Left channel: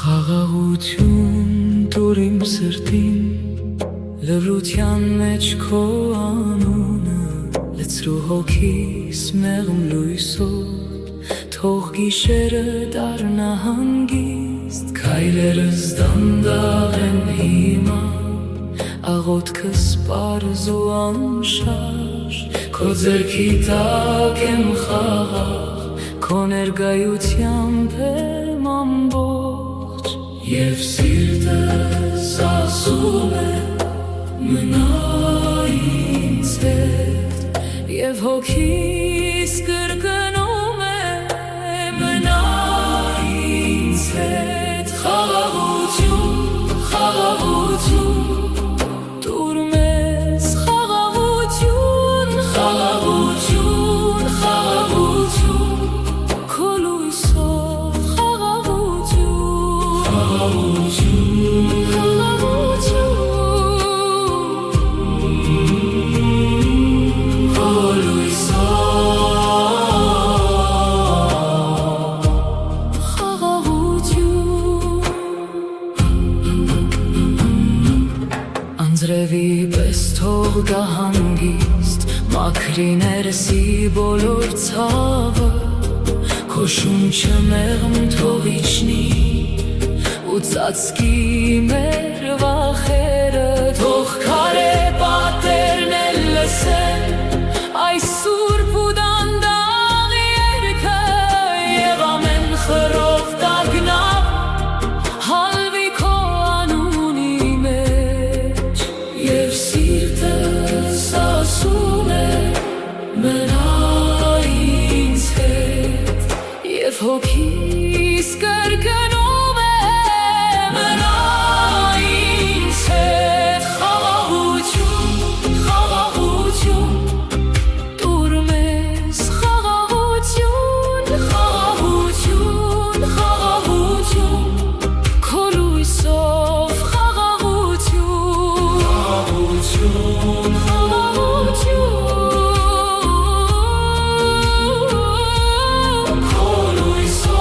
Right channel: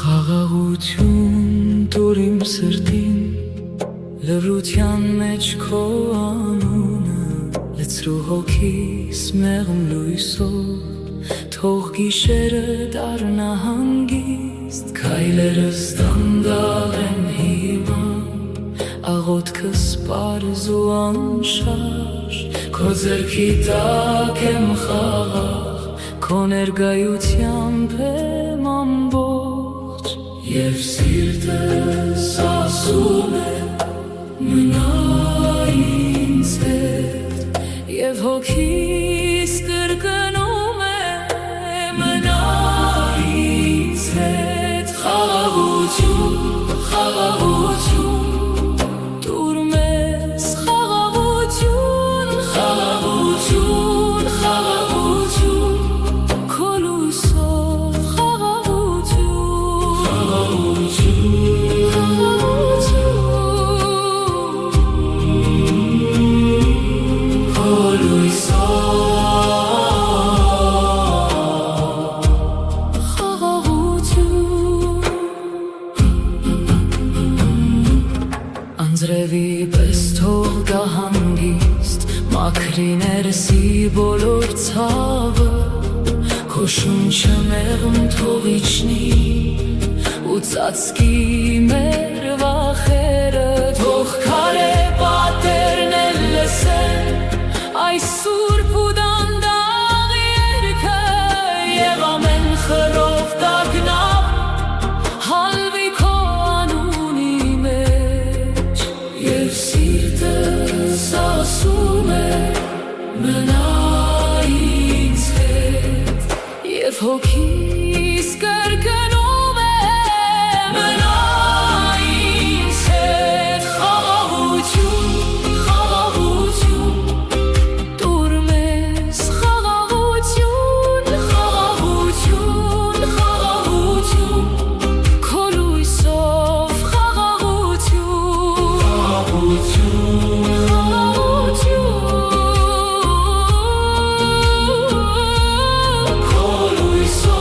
Խաղաղություն տուր իմ սրտին, լռության մեջ քո անունը, լցրու հոգիս մեղմ լույսով, թող գիշերը դառնա հանգիստ, քայլերս դանդաղ են հիմա, աղոթքս պարզ ու անշարժ, քո ձեռքի տակ եմ խաղաղ, քո ներկայությամբ եմ ամբողջ, և սիրտս ասում է մնա ինձ հետ, և հոգիս կրկնում է մնա ինձ հետ, խաղաղություն, խաղաղություն, տուր մեզ խաղաղություն, խաղաղություն, խաղաղություն, քո լույսով խաղաղություն, խաղաղություն, քո լույսով խաղաղություն, անձրևի պես թող գա հանգիստ, մաքրի ներսի բոլոր ցավը, քո շունչը մեղմ թող իջնի, ու ծածկի մեր վախերը, թող քարե պատերն էլ լսեն այս սուրբ ու դանդաղ երգը, և ամեն խռով տագնապ հալվի քո անունի մեջ, և սիրտս ասում է մնա ինձ հետ, և հոգիս կրկնում է մնա ինձ հետ, խաղաղություն, խաղաղություն, տուր մեզ խաղաղություն, խաղաղություն, խաղաղություն, քո լույսով խաղաղություն, խաղաղություն, քո լույսով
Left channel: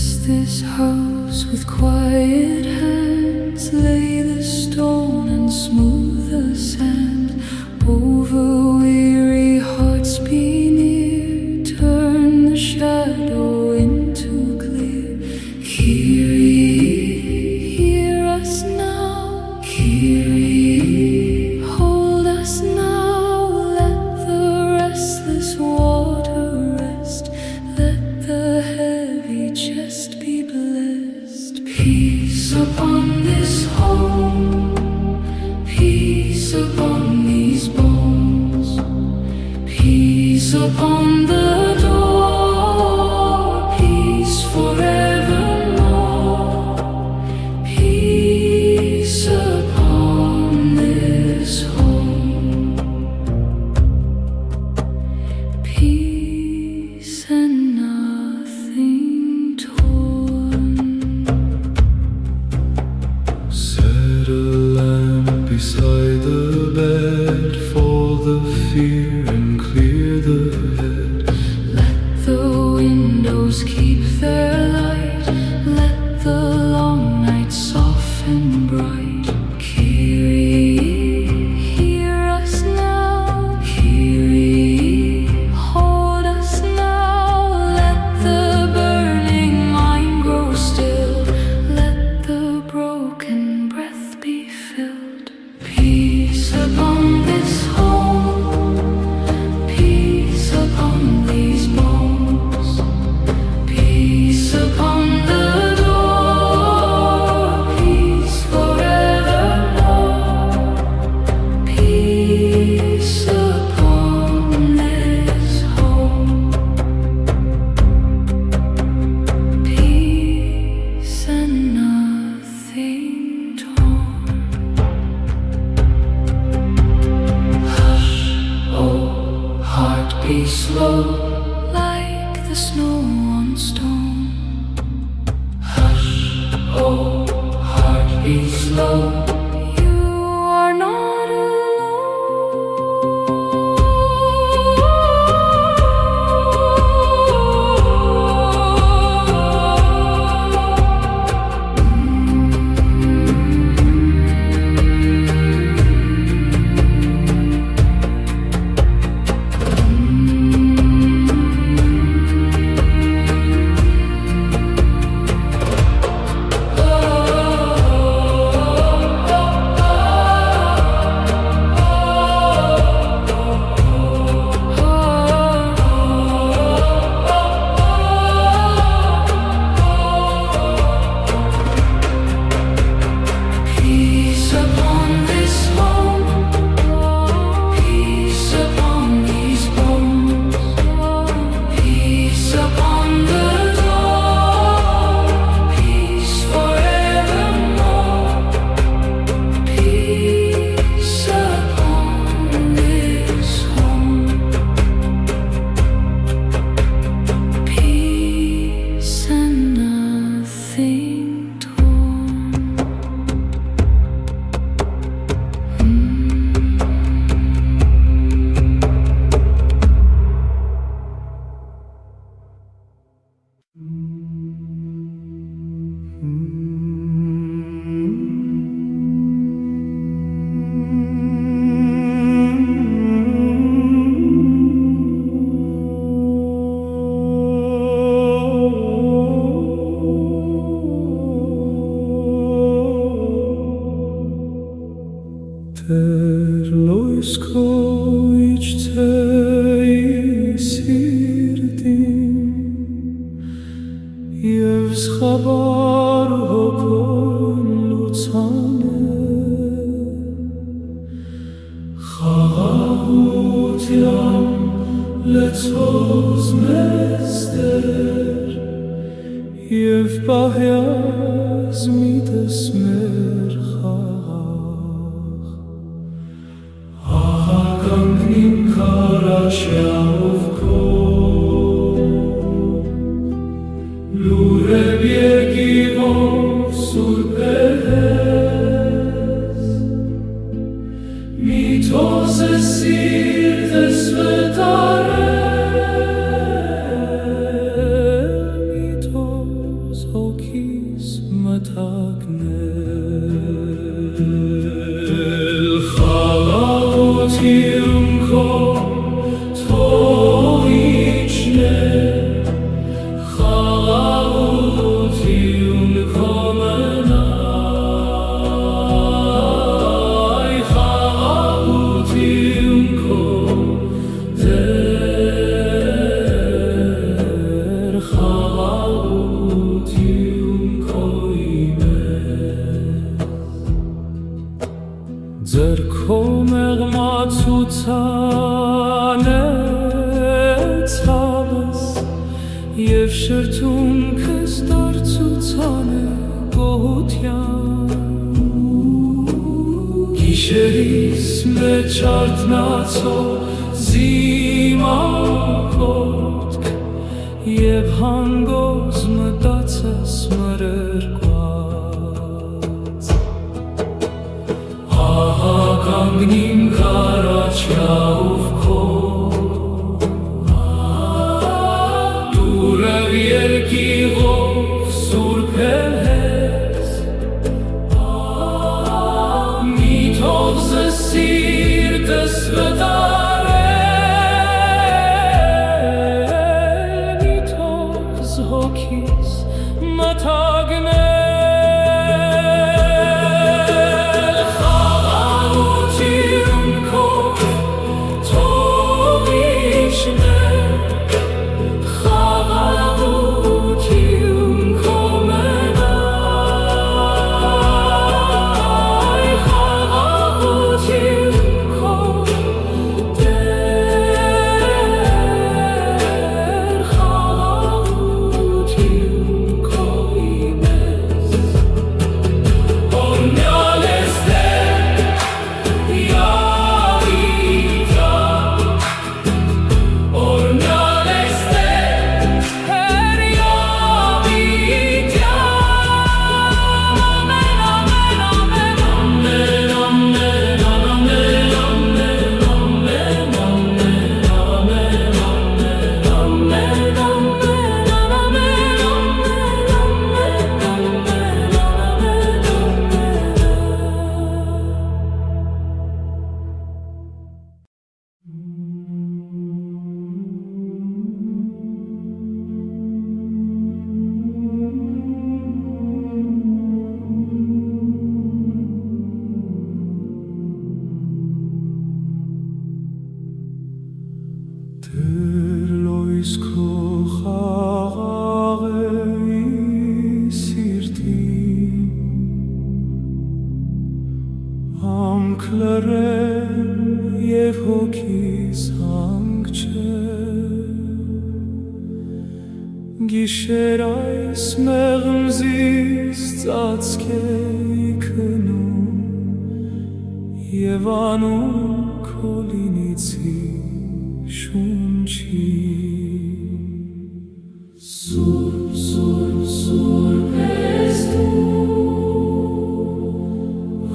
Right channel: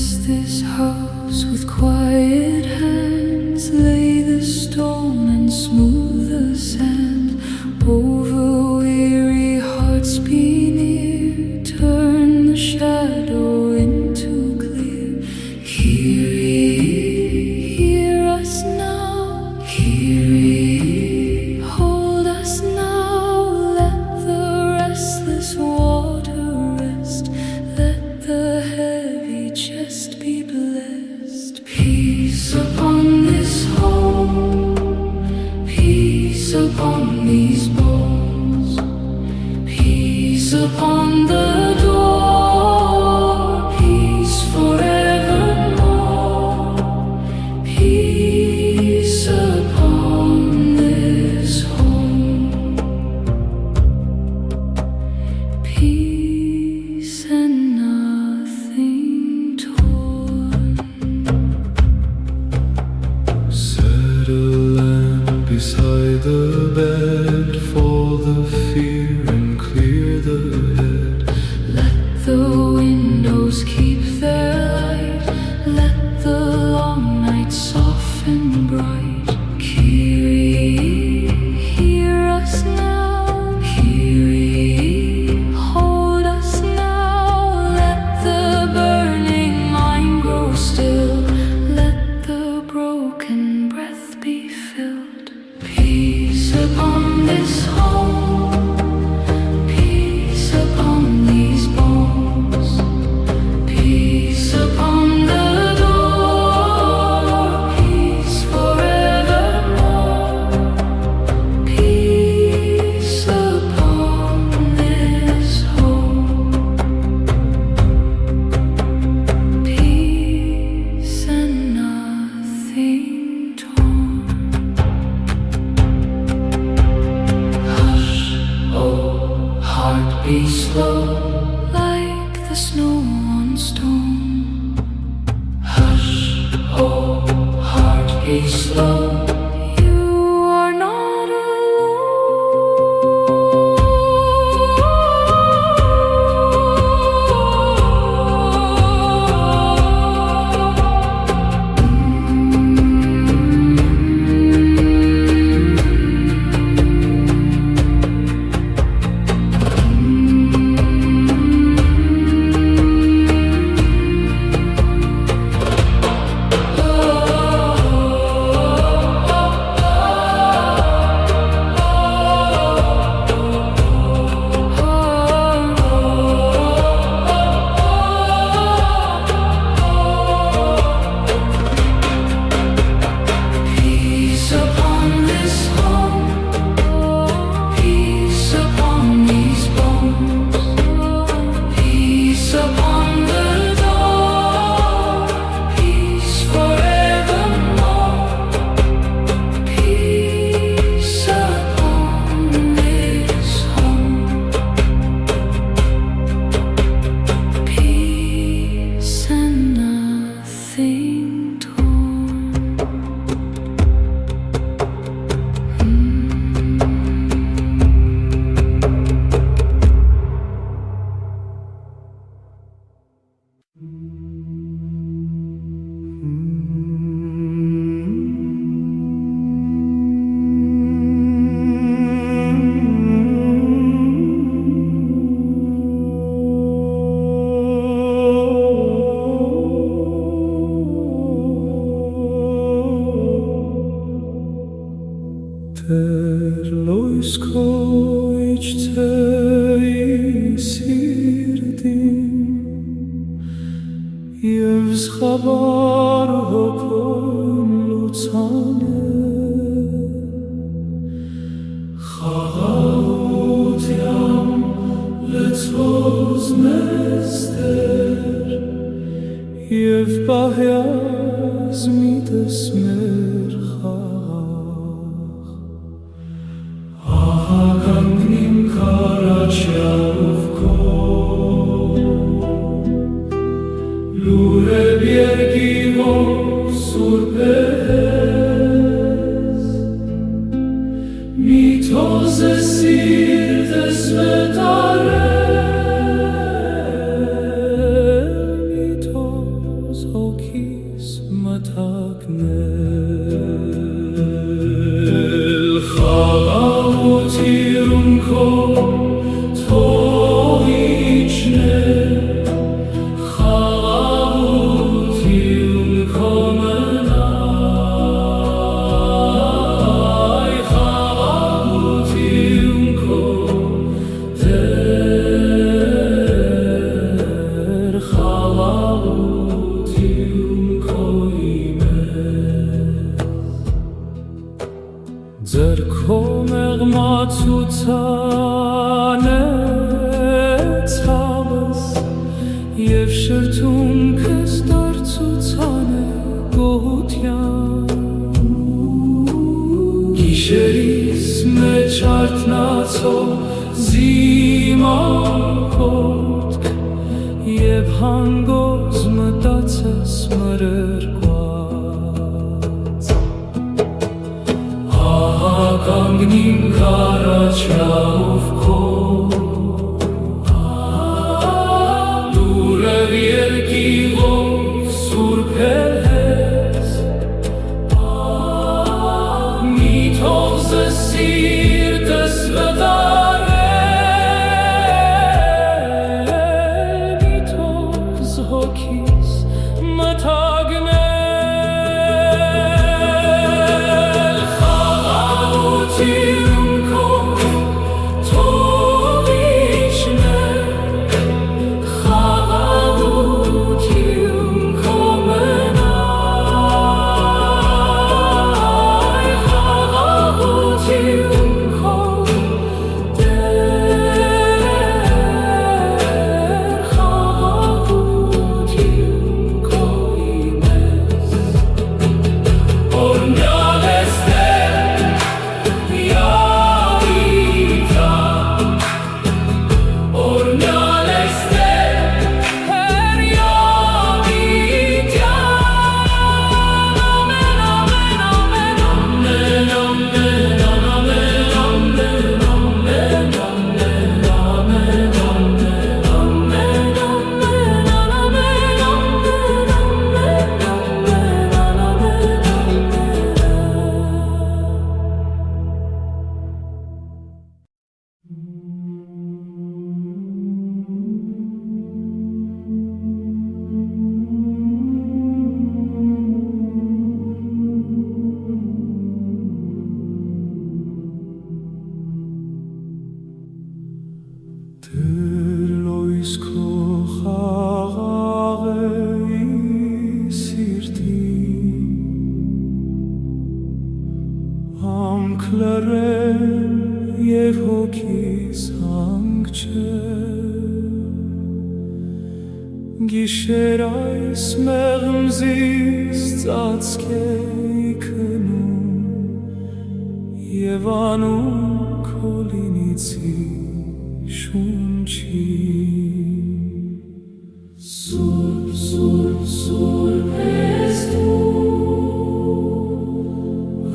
Bless this house with quiet hands, lay the stone and smooth the sand. Over weary hearts be near, turn the shadow into clear. Kyrie, hear us now. Kyrie, hold us now. Let the restless water rest, let the heavy chest be blessed. Peace upon this home, peace upon these bones, peace upon the door, peace forevermore. Peace upon this home, peace and nothing torn. Set a lamp beside the bed for the fear and clear the head. Let the windows keep their light, let the long night soften bright. Kyrie, hear us now. Kyrie, hold us now. Let the burning mind grow still, let the broken breath be filled. Peace upon this home, peace upon these bones, peace upon the door, peace forevermore. Peace upon this home, peace and nothing torn. Hush, oh heart, be slow, like the snow on stone. Hush, oh heart, be slow. You are not peace upon this home, peace upon these bones, peace upon the door, peace forevermore. Peace upon this home, peace and nothing torn. Տեր լույս քո իջցեի սիրտին և զղաբար հոգոն լուծանը խաղաղության լցոց մեզ Տեր և պահյազ միտս մեր խաղաղ ահագանգնիմ քարաչյալով քո լուրև երկիվով սուրբ ես մի թոզ է սիրտս վետարել մի թոզ հոգիս մթագնել խաղաղություն քո թող իջներ խաղաղություն քո մնայ խաղաղություն քո դեր խաղաղություն քո ձեր քո մեղմացուցանը ցավս և շրթունքս դարձուցանը գոհության գիշերիս մեջ արթնացող զիմակոտք և հանգոզ մտածես մրրկված կանգնիմ քարաչյաով քո դուրեղ երկիղով սուրբ ես մի թող զս սիրտս վտարել մի թող զհոգիս մթագնել Դեր լույս քո խաղաղ է սիրտին Համք լռեն և հոգիս հանք չէ Գիշեր այս մեղմզիս ծածկ է իքնում Եվ անում քո լինիցի շունչին Սուրբ, սուրբ, սուրբ ես դու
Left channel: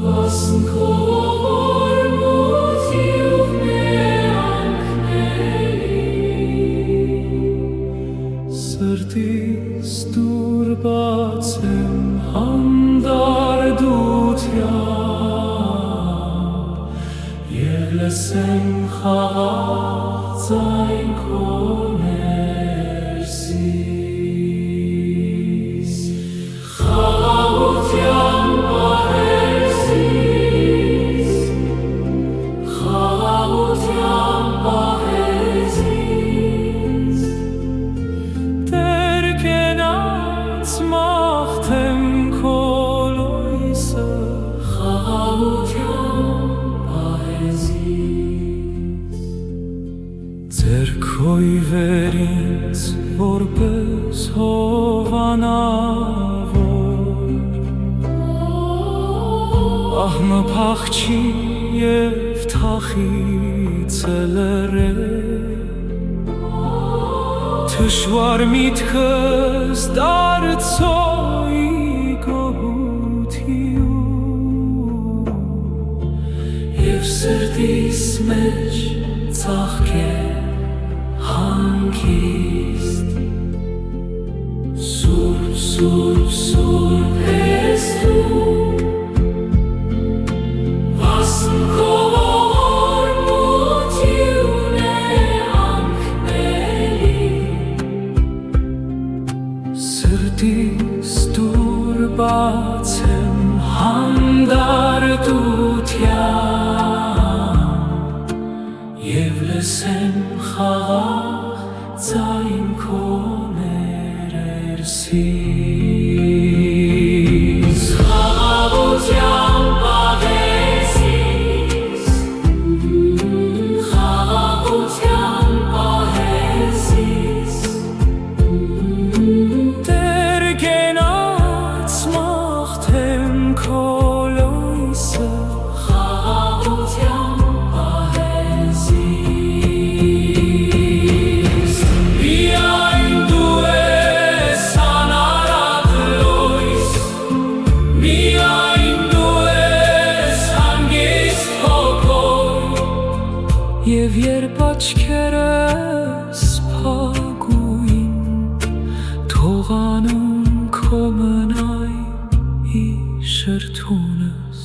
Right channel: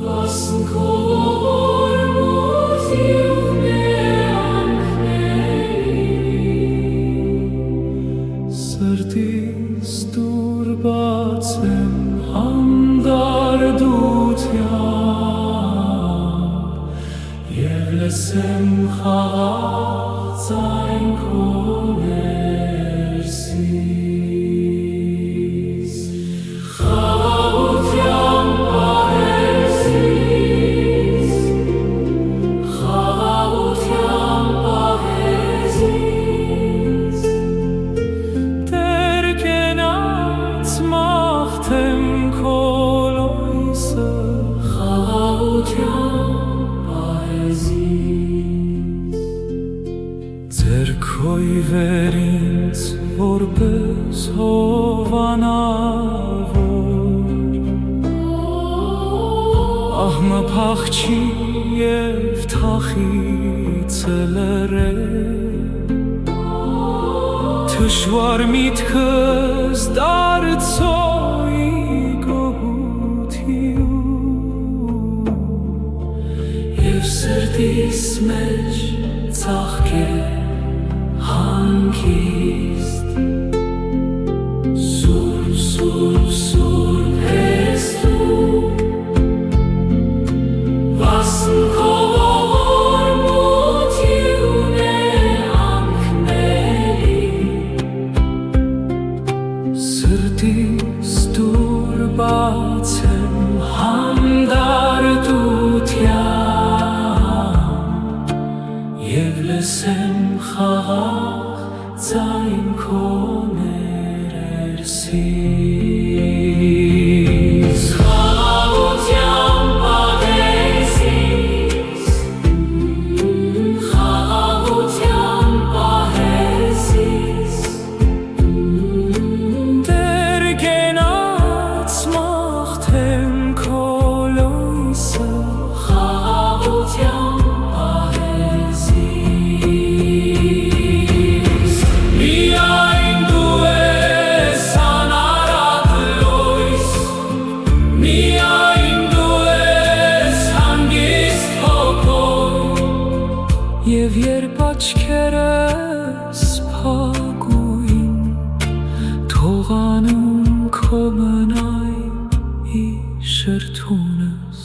Վասն քո ողորմությամբ մեանքների Սրտիս դուր բաց եմ հանդարդությամբ Եվ լսեմ խաղաղ Ձայն քո ներսից Խաղաղության պահեզից Խաղաղության պահեզից Տեր կենաց մաղթեմ քո լույսը Խաղաղության պահեզից Ձեր քոյվեր ինձ որպես հովանավոր Ահմը փախչի և թախիցը լրել Թշվար միտքս դարձոյի գոհություն Եվ սրտիս մեջ ծաղկ է հանգիստ Սուրբ, սուրբ դուր բացեմ հանդարտության և լսեմ խաղաղ ձայն քո ներսից խաղաղության պահեսից խաղաղության պահեսից դեր գենաց մաղթեմ քո լույսը խաղաղության պահեսից միայն դու ես անարատ լույս միայն դու ես հանգիստ հոգով և երբ աչքերս փակուին թողանում քո մնայ շրթունս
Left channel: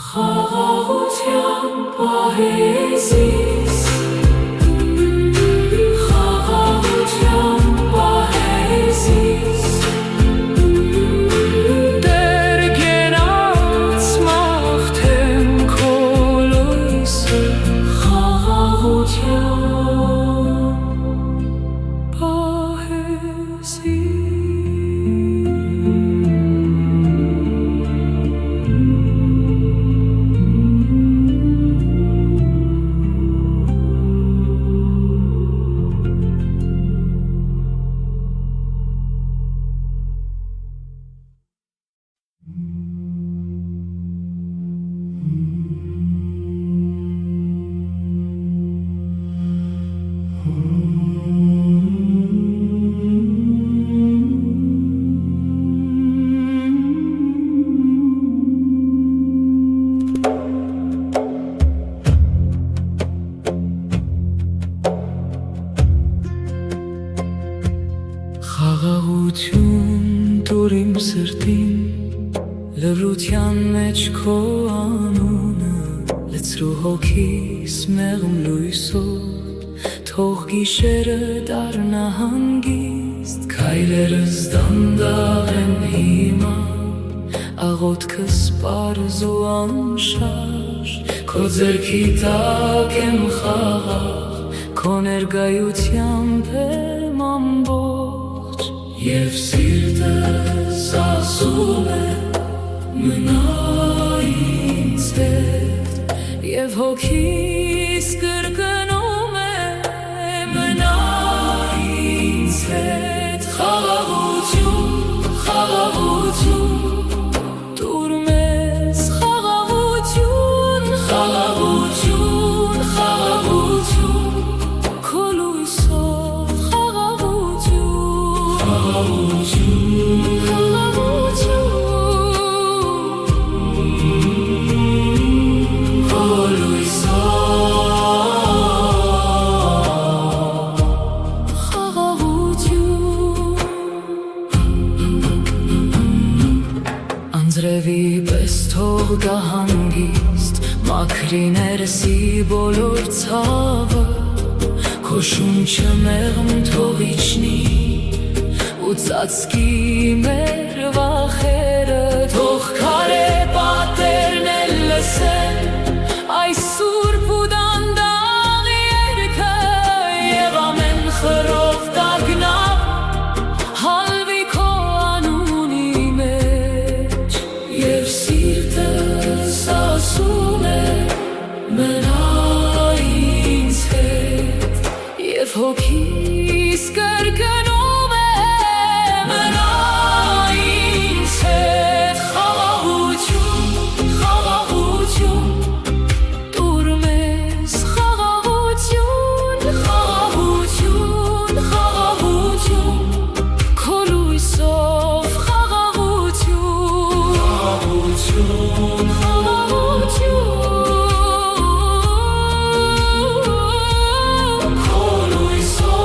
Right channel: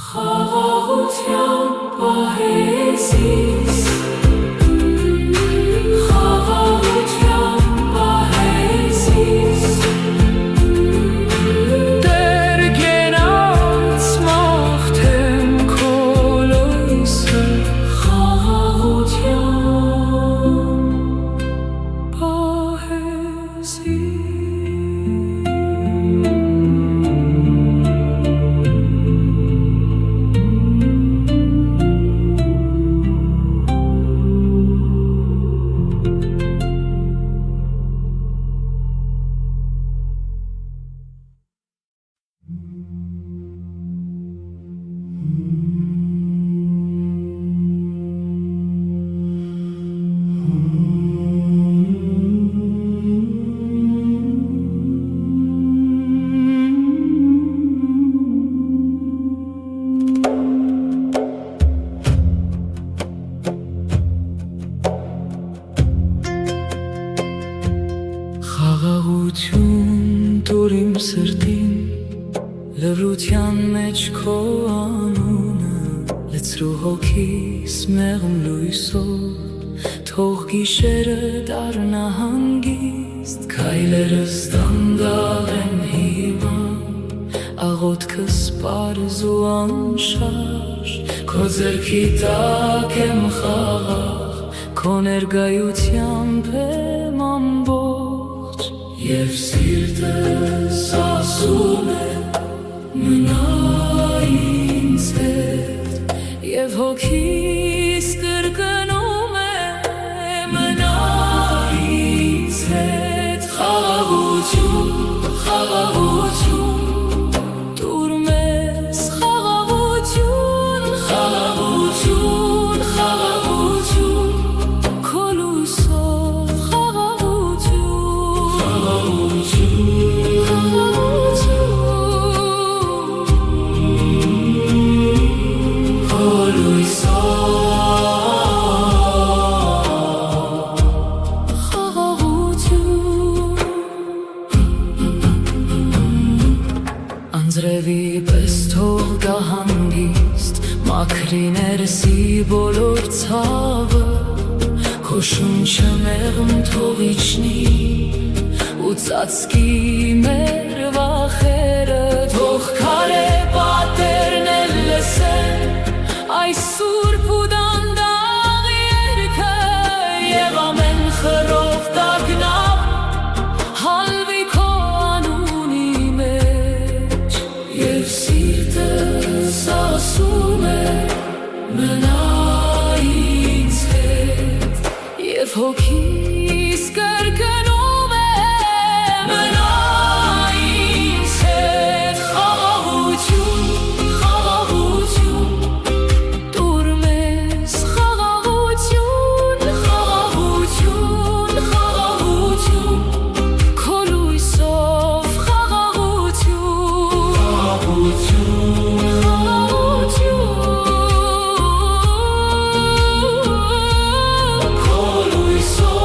խաղաղության պահեսից խաղաղության պահեսից դեր գենաց մաղթեմ քո լույսը խաղաղության պահեսից խաղաղություն տուր իմ սրտին լռության մեջ քո անունը լցրու հոգիս մեղմ լույսով թող գիշերը դառնա հանգիստ քայլերս դանդաղ են հիմա աղոթքս պարզ ու անշարժ քո ձեռքի տակ եմ խաղաղ քո ներկայությամբ եմ ամբողջ և սիրտս ասում է մնա ինձ հետ և հոգիս կրկնում է մնա ինձ հետ խաղաղություն խաղաղություն տուր մեզ խաղաղություն խաղաղություն խաղաղություն քո լույսով խաղաղություն խաղաղություն քո լույսով խաղաղություն անձրևի պես թող գա հանգիստ մաքրի ներսի բոլոր ցավը քո շունչը մեղմ թող իջնի ու ծածկի մեր վախերը թող քարե պատերն էլ լսեն այս սուրբ ու դանդաղ երգը և ամեն խռով տագնապ հալվի քո անունի մեջ և սիրտս ասում է մնա ինձ հետ և հոգիս կրկնում է մնա ինձ հետ խաղաղություն խաղաղություն տուր մեզ խաղաղություն խաղաղություն խաղաղություն քո լույսով խաղաղություն խաղաղություն քո լույսով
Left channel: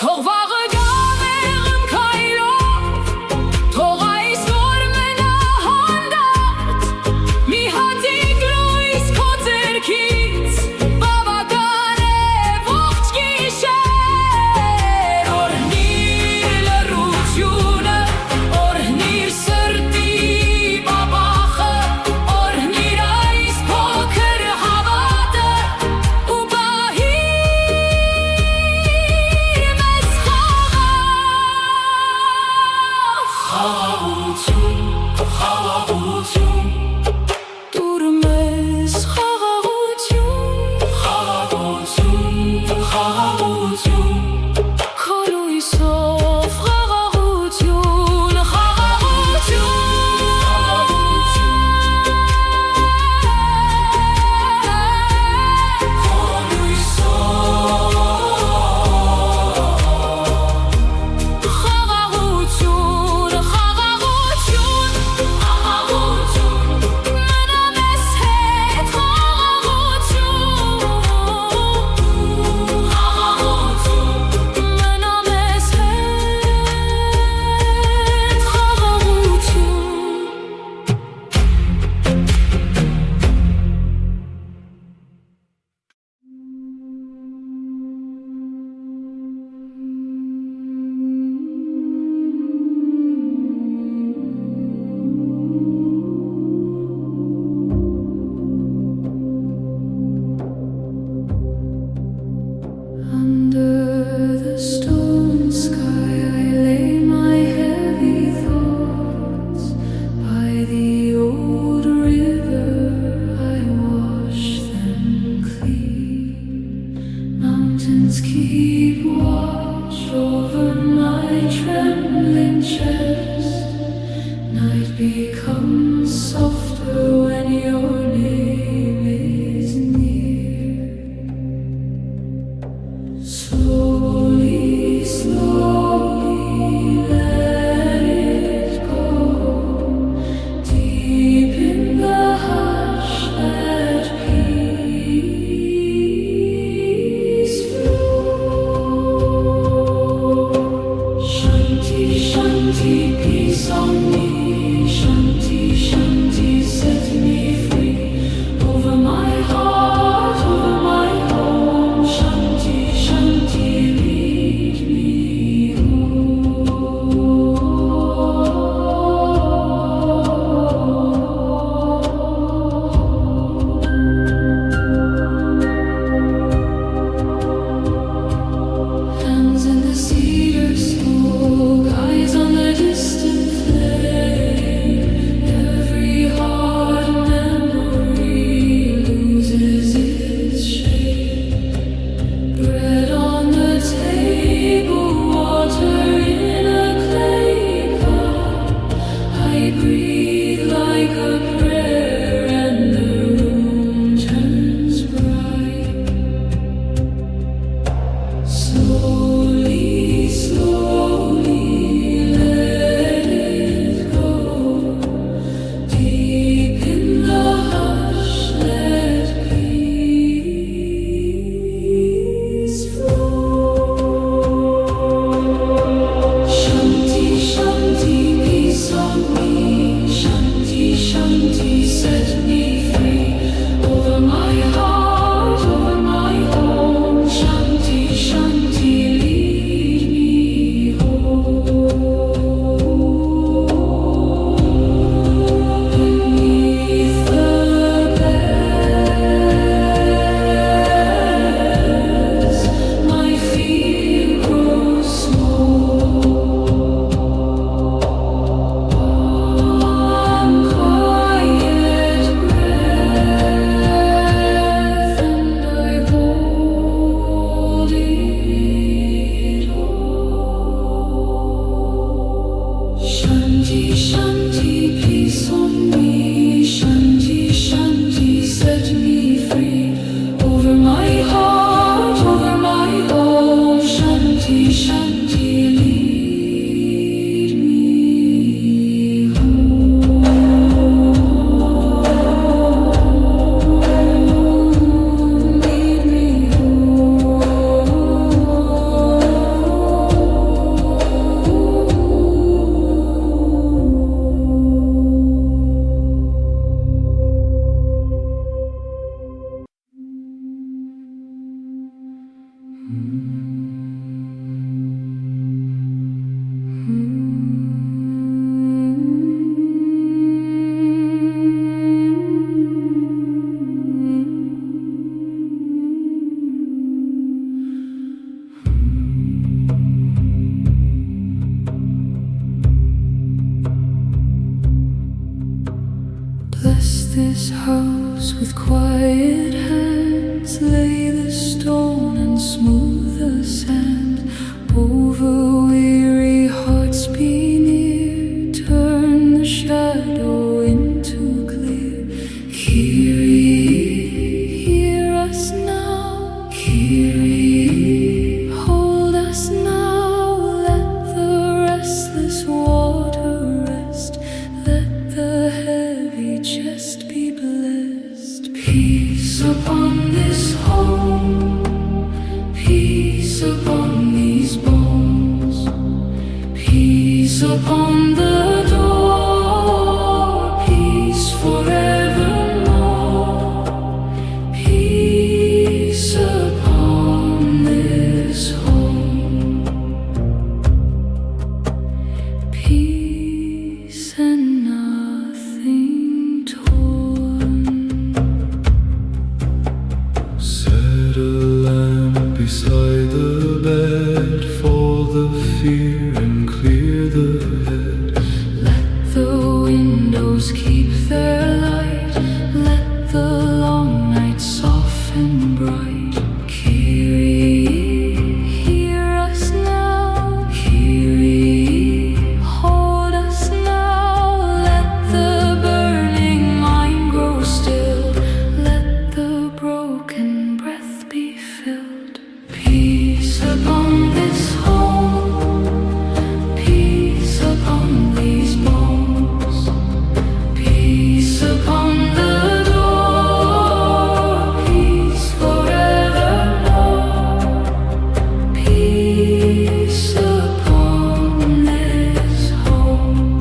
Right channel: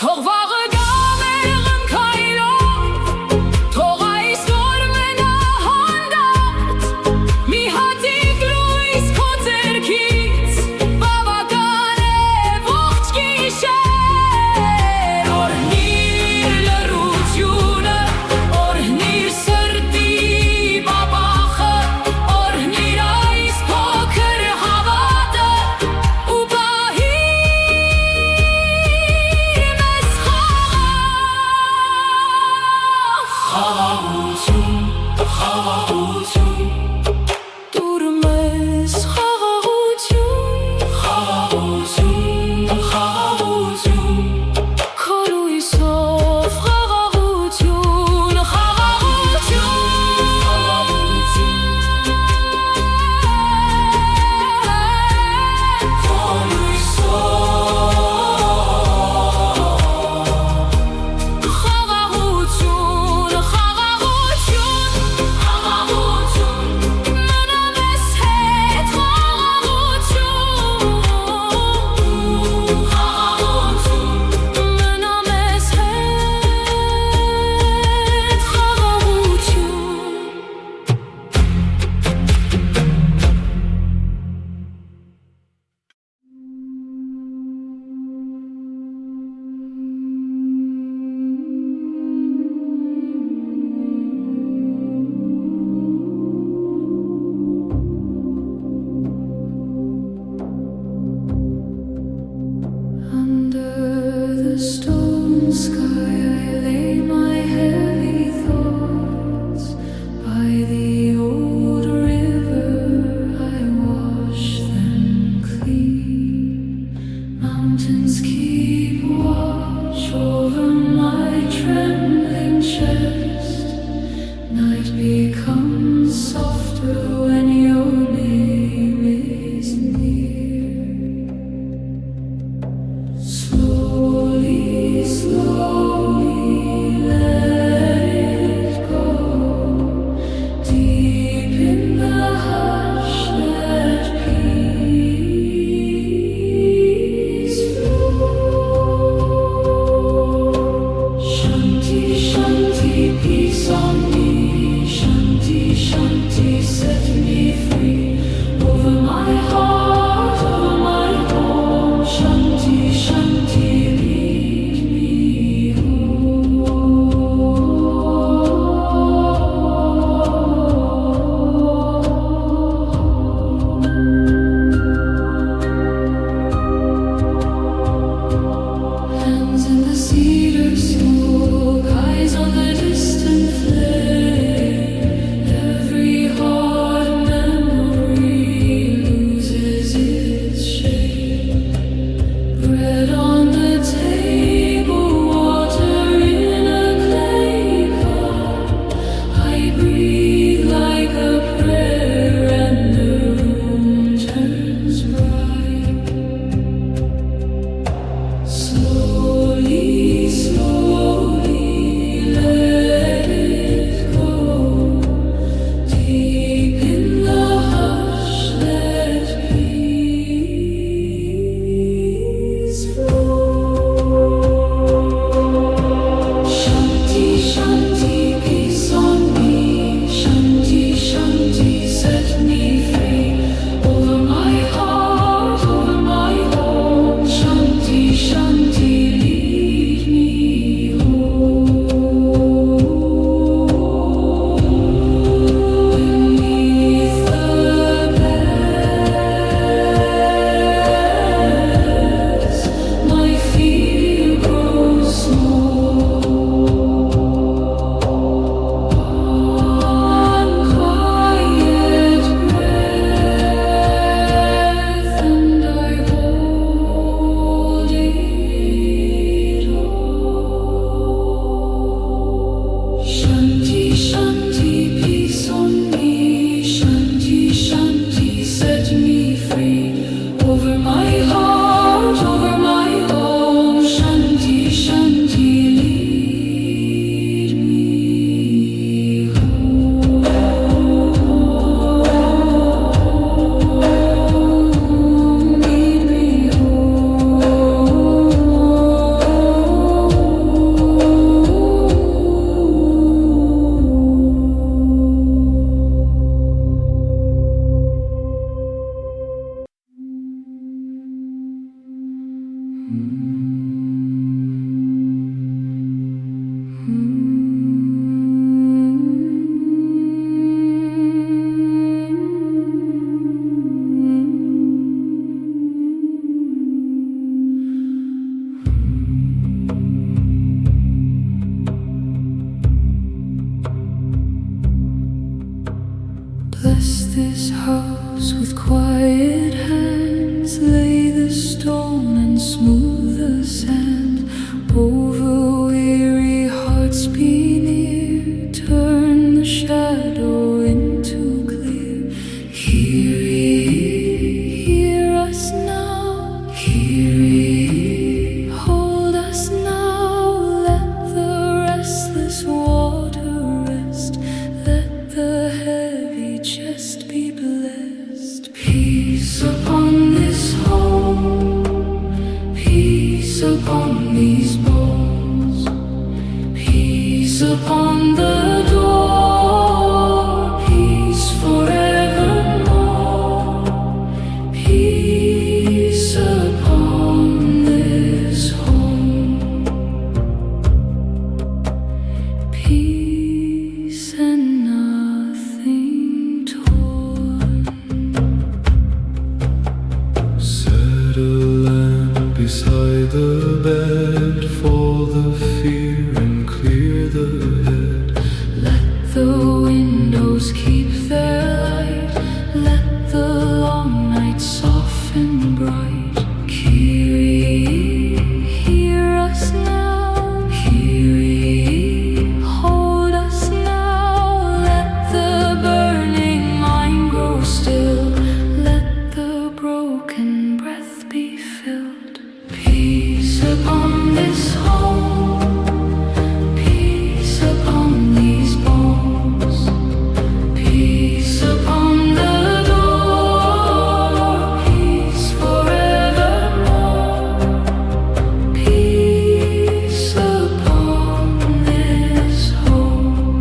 թող վաղը գա մեղմ քայլով թող այս օր մնա like a prayer, and the room turns bright. Slowly, slowly let it go. Deep in the hush, let peace flow. Shanti, Shanti, peace on me. Shanti, Shanti, set me free. Over my heart, over my home. Shanti, Shanti, lead me home. Beneath the beds, my fear grows small. One quiet breath, and I hold it all. Shanti, Shanti, peace on me. Shanti, Shanti, set me free. Over my heart, over my home. Shanti, Shanti, lead me home. Lead me Bless this house with quiet hands. Lay the stone and smooth the sand. Over weary hearts be near. Turn the shadow into clear. Kyrie, hear us now. Kyrie, hold us now. Let the restless water rest. Let the heavy chest be blessed. Peace upon this home. Peace upon these bones. Peace upon the door. Peace forevermore. Peace upon this home. Peace and nothing torn. Set a lamp beside the bed for the fear and clear the head. Let the windows keep their light. Let the long night soften bright. Kyrie, hear us now. Kyrie, hold us now. Let the burning mind grow still. Let the broken breath be filled. Peace upon this home. Peace upon these bones. Peace upon the door. Peace forevermore. Peace upon this home.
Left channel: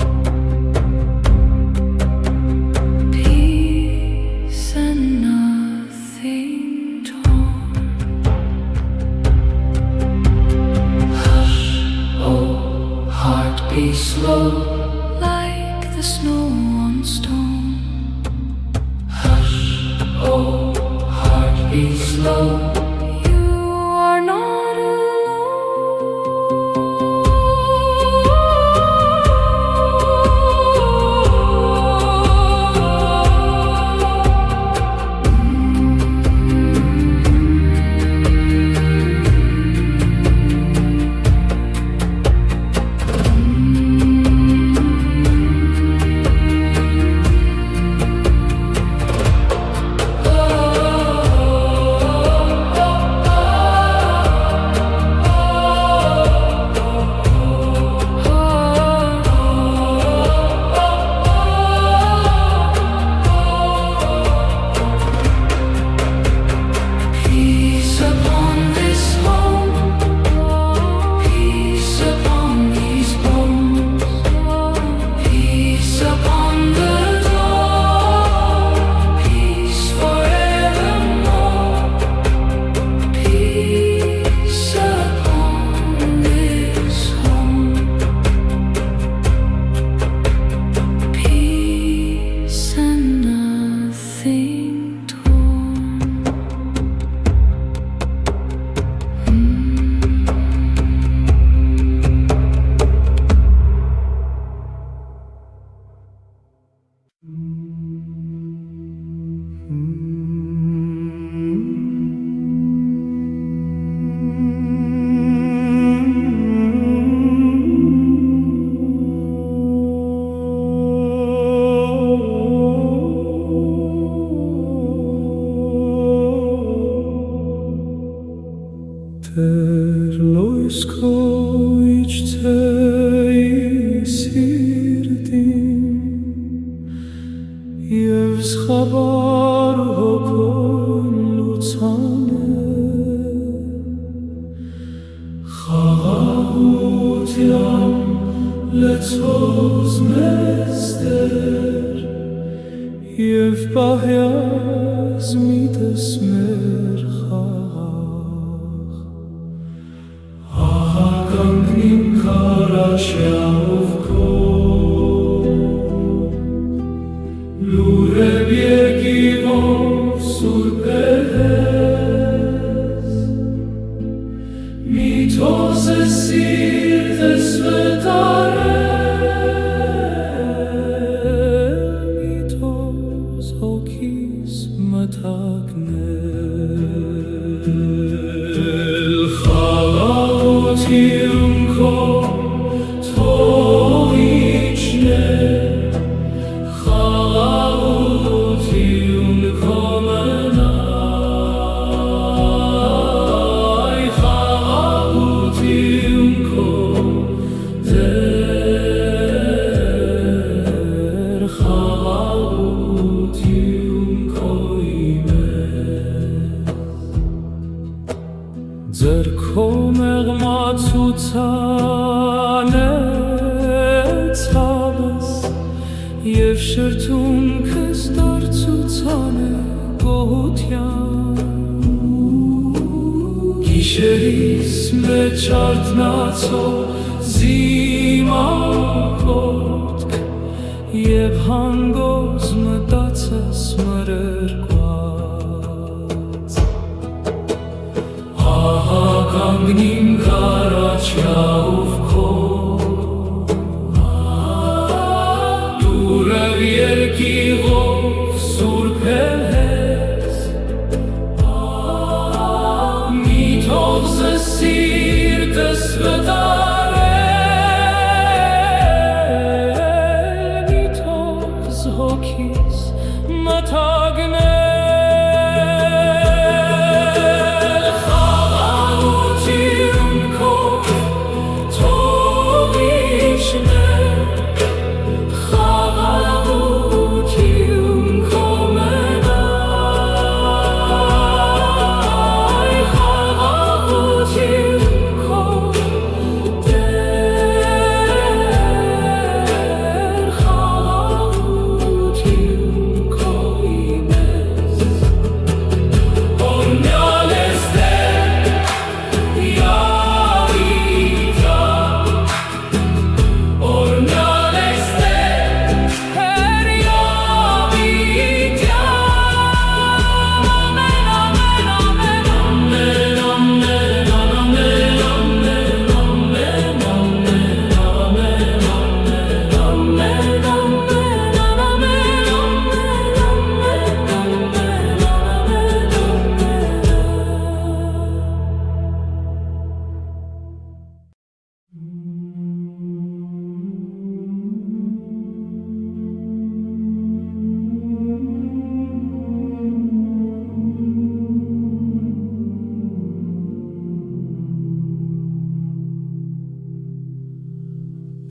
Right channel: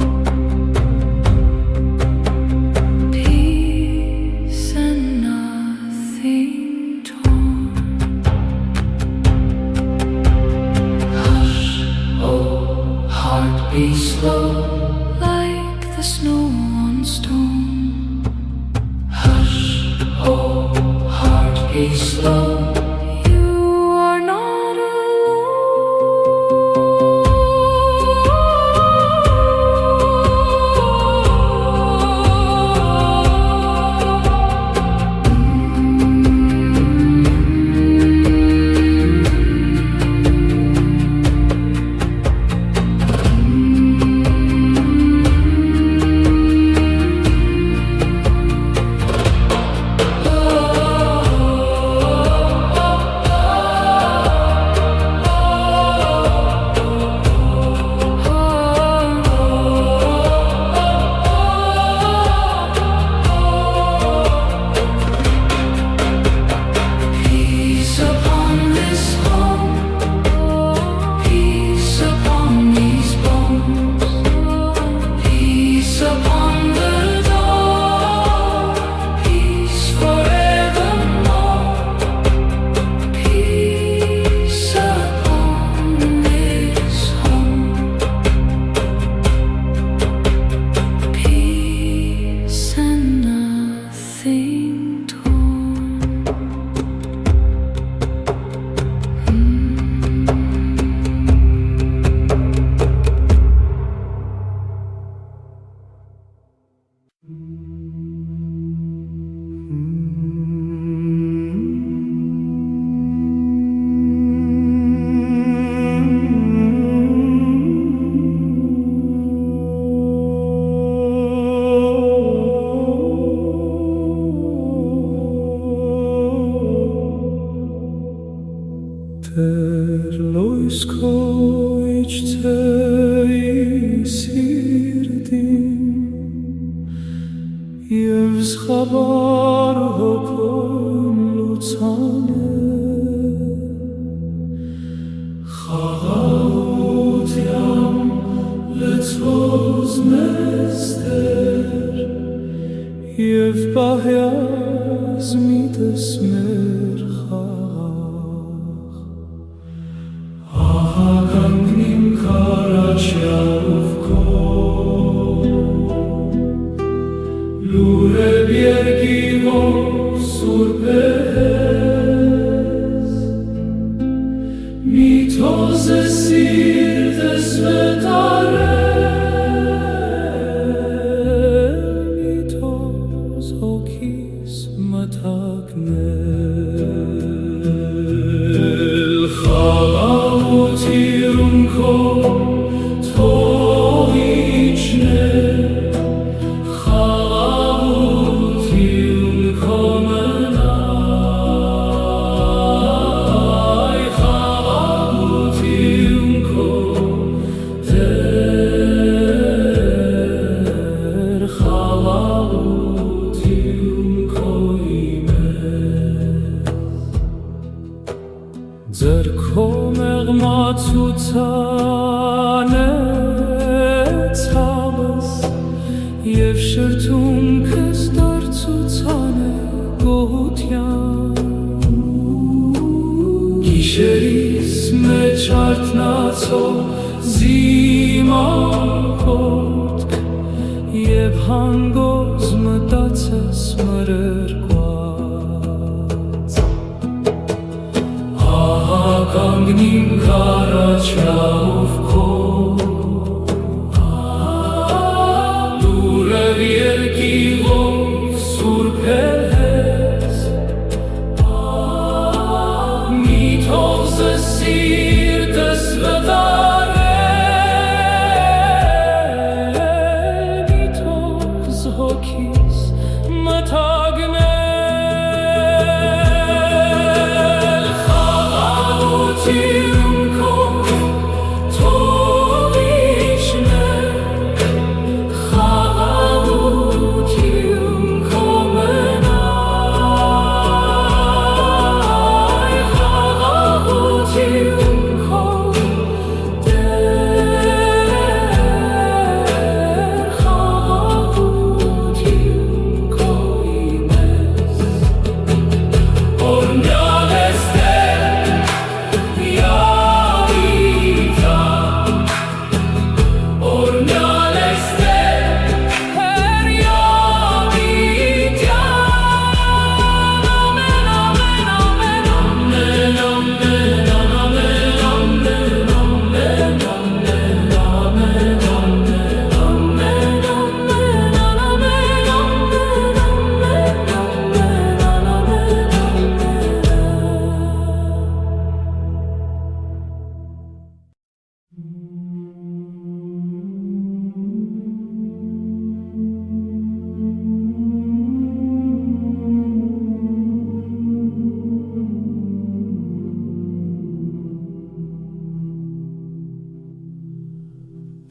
Peace and nothing torn. Hush, oh heart, be slow, like the snow on stone. Hush, oh heart, be slow. You are not alone. լույս քո իջցեի սիրտին և զխաբար հոգոն լուծանը խաղաղության լցվող մեստեր և պահյազ միտս մեր խաղաղ ահա կանգնիմ քարաչյալով քո լուրև երկիվով սուրբ ես մի թոզ է սիրտս վետարել մի թոզ հոգիս մթագնել խաղաղություն քո թող իջներ խաղաղություն քո մնայ խաղաղություն քո դեր խաղաղություն քո իմես ձեռքո մեղմացուցան է ցավս և շրթունքս դարձուցան է գոհության գիշերիս մեջ արթնացող զիմախոտք և հանգոզ մտածես մրրկված ահա կանգնիմ քարաչյալով քո լուրև երկիվով սուրբ ես մի թող սիրտս վտարել մի թող հոգիս մթագնել խաղաղություն քո թող իջներ խաղաղություն քո մնայ խաղաղություն քո դեր խաղաղություն քո իմես օրնյալ ես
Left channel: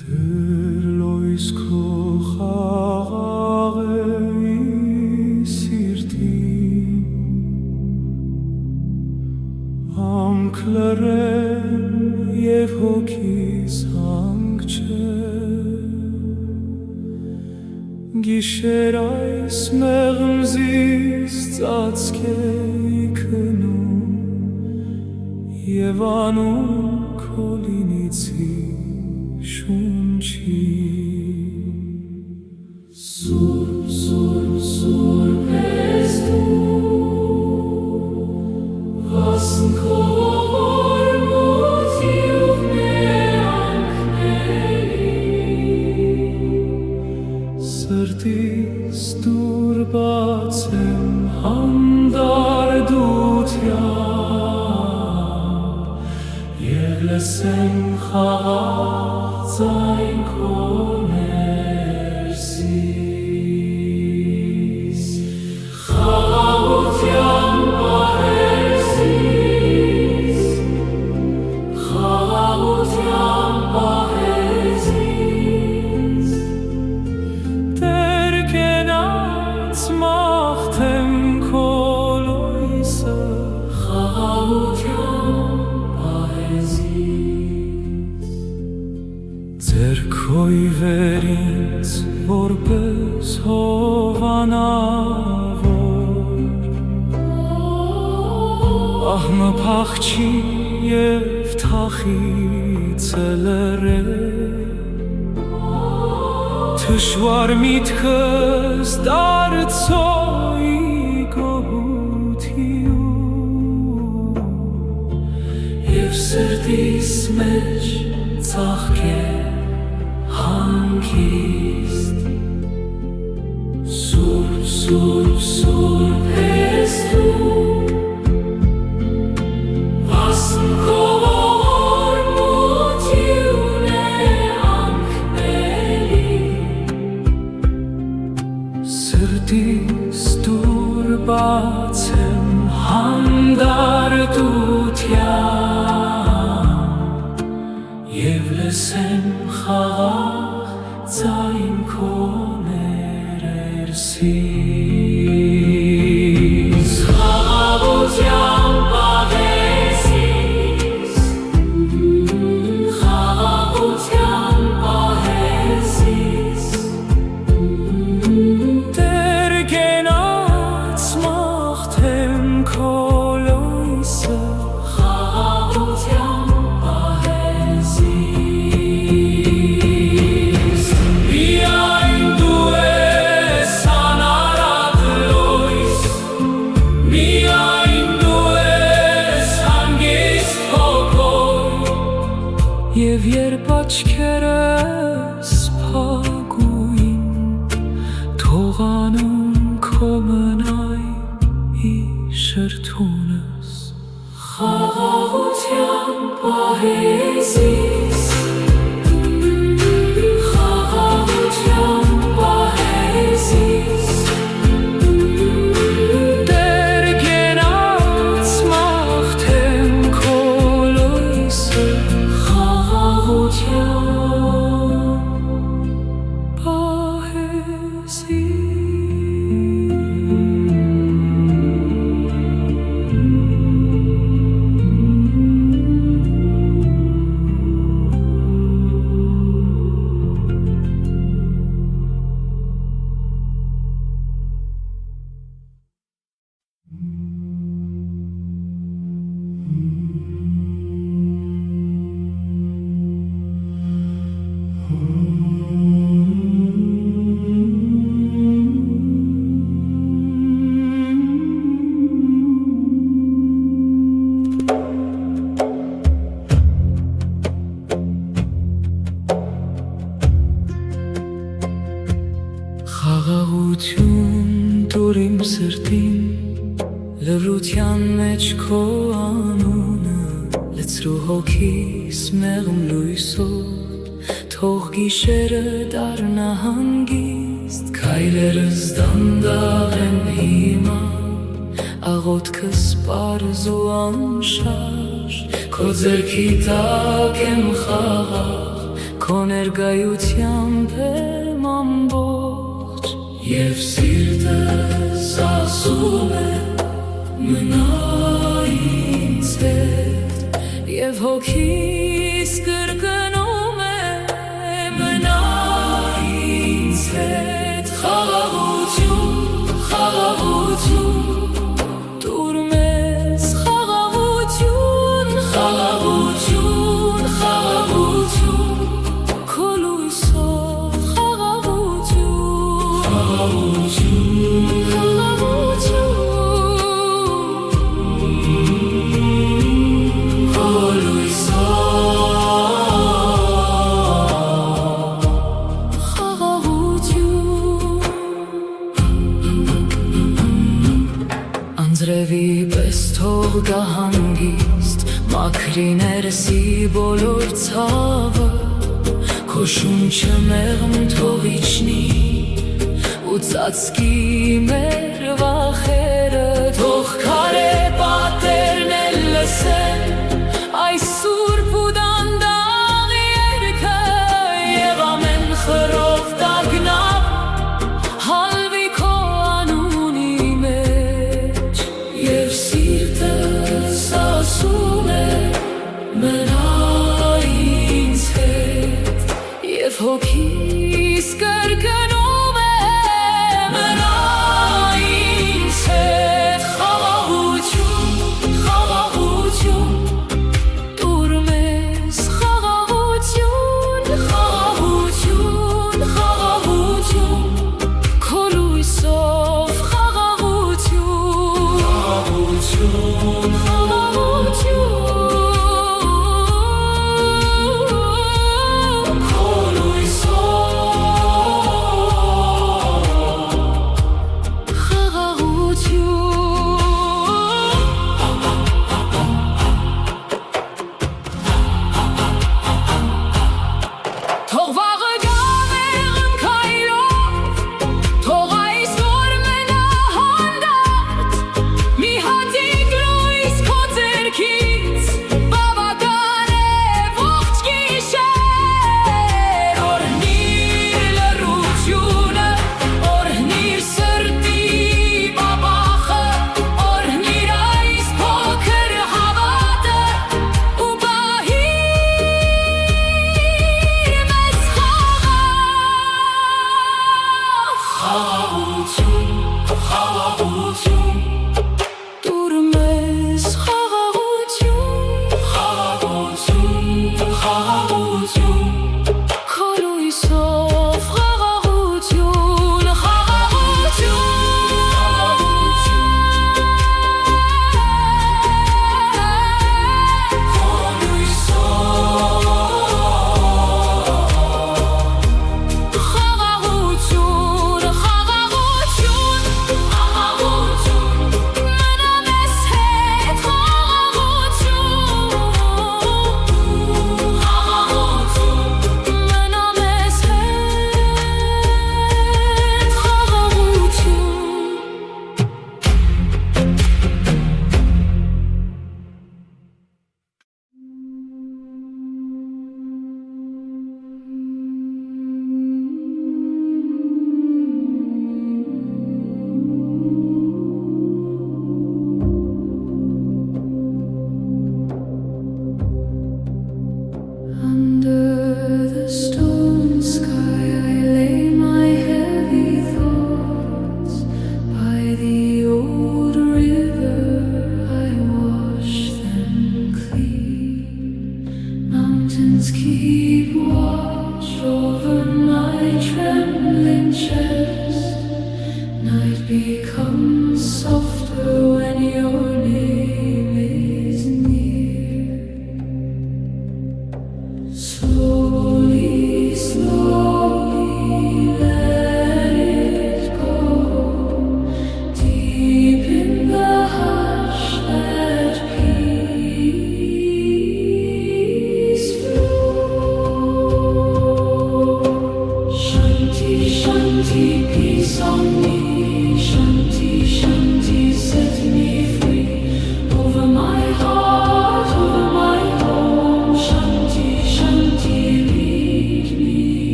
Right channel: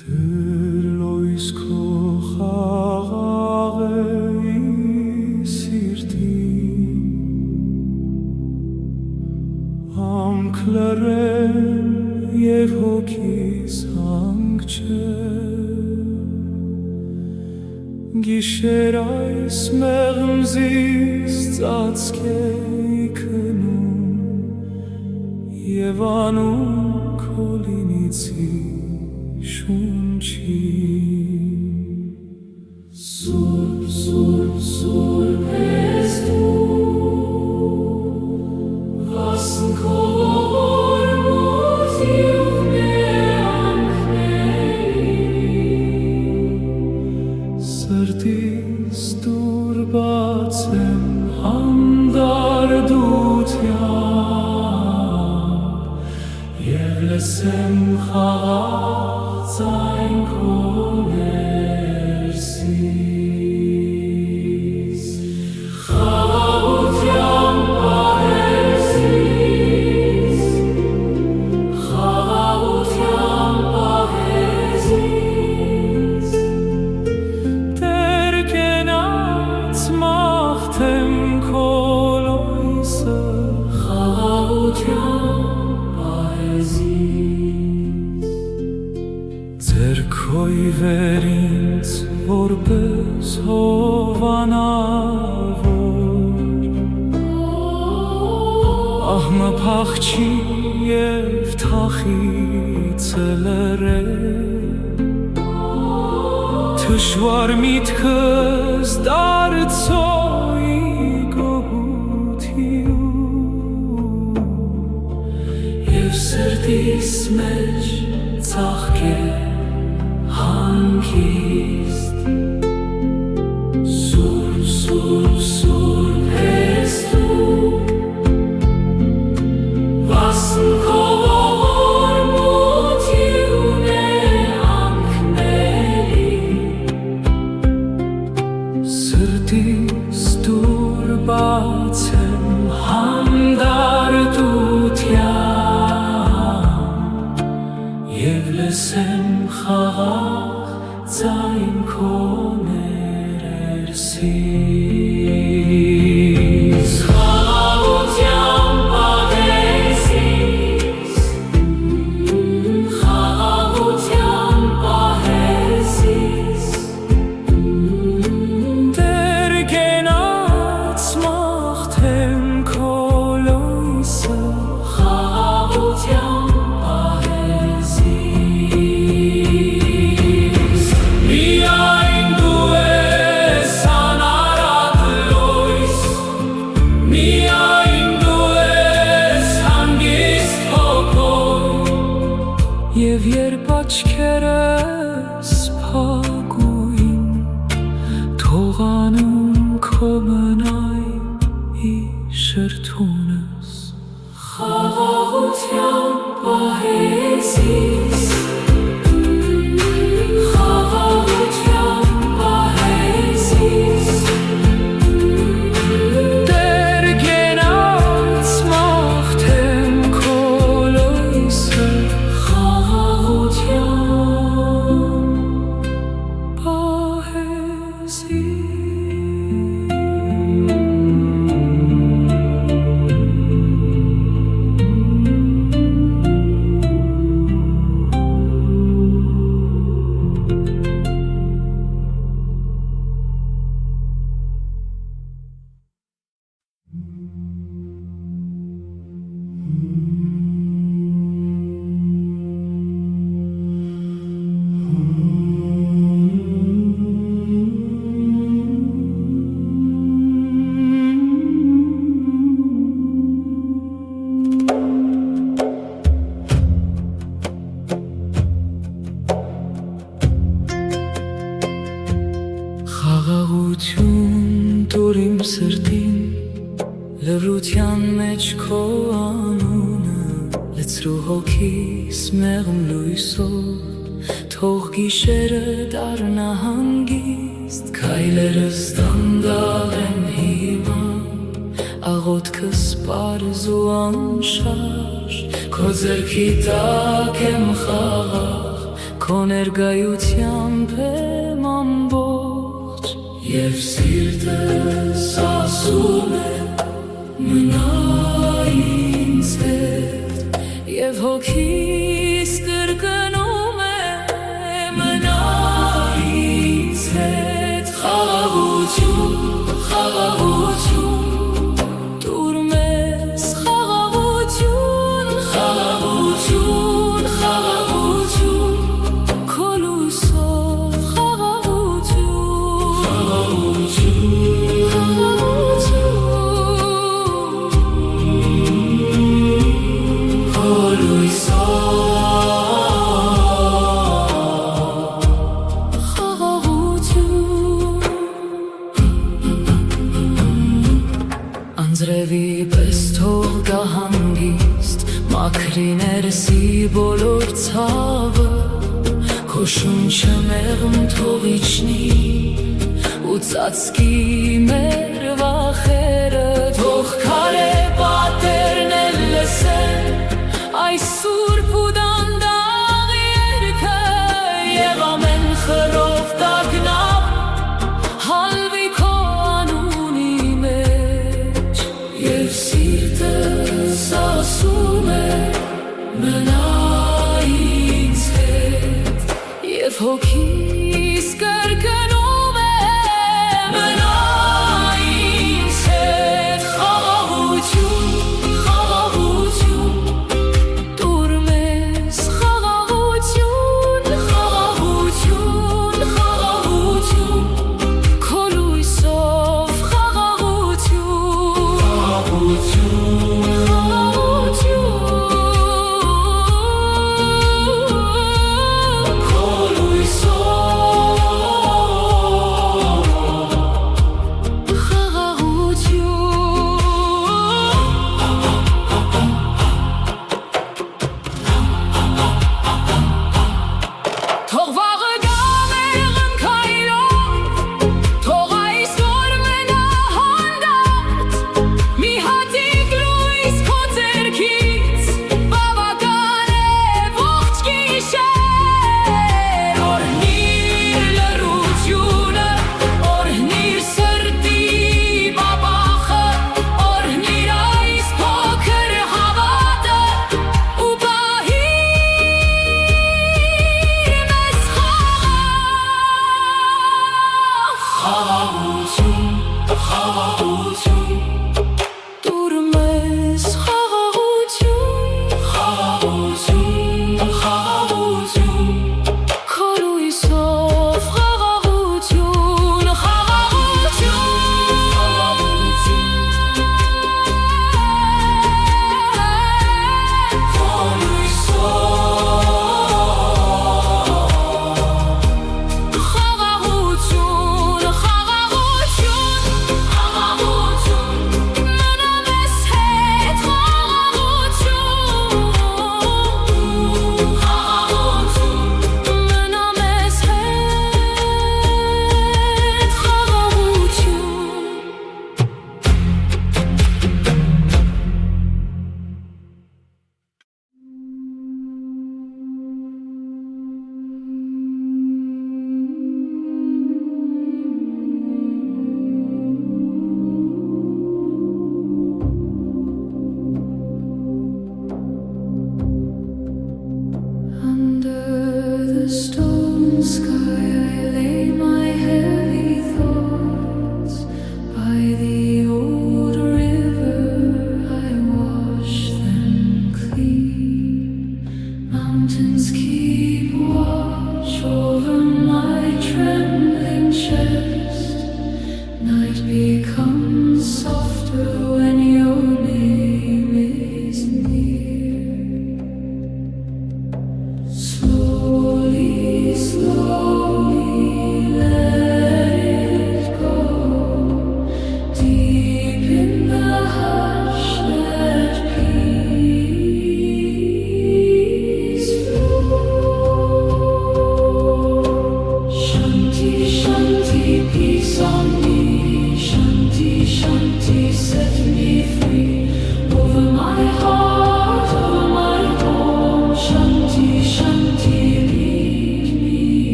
Դեր լույս քո խաղաղ էի սիրտին համք լռել և հոգիս հանք չէ գիշեր այս մեղմզիս ծածկեի քնում և անում քո լինիցի շունչին Սուրբ, Սուրբ, Սուրբ ես դու վասնքով ողորմությամբ մեանքների սրտիս դուր բացեմ հանդարդությամբ և լսեմ խաղաղ ձայն քո ներսից խաղաղությամբ պահես ինձ մաղթեմ քո լույսը խաղաղության պահեզից ձեռքոյվեր ինձ որպես հովանավոր ահմը փախչի և թախիցը լրե Թշվար միտքս դարձոյի գոհութիու Եվ սրտիս մեջ ծաղկե հանգիստ Սուրբ, սուրբ, սուրբ ես դու Վասն քո ողորմությունն է անքնելի Սրտիս դուր բաց եմ հանդարտության Եվ լսեմ խաղաղ ձայն քո ներերսից Խաղաղության պահեզից Խաղաղության պահեզից Դեր գենաց մաղթեմ քո լույսը Խաղաղության պահեզից Միայն դու ես անարատ լույս Միայն դու ես հանգիստ հոգոյ Եվ երբ աչքերս փակույն Թողանում քո մնայ ի շրթունս Խաղաղության պահեզից Խաղաղության պահեզից Դեր գենաց մաղթեմ քո լույսը Խաղաղության Խաղաղություն տուր իմ սրտին լրության մեջ քո անունը լցրու հոգիս մեղմ լույսով թող գիշերը դառնա հանգիստ քայլերս դանդաղ են հիմա աղոթքս պարզ ու անշարժ քո ձեռքի տակ եմ խաղաղ քո ներկայությամբ եմ ամբողջ Եվ սիրտս ասում է մնա ինձ հետ Եվ հոգիս կրկնում է մնա ինձ հետ Խաղաղություն, խաղաղություն տուր մեզ խաղաղություն, խաղաղություն, խաղաղություն Քո լույսով Անձրևի պես թող գա հանգիստ մաքրի ներսի բոլոր ցավը Քո շունչը մեղմ թող իջնի ու ծածկի մեր վախերը Թող քարե պատերն էլ լսեն այս սուրբ ու դանդաղ երգը Եվ ամեն խռով տագնապ հալվի քո անուն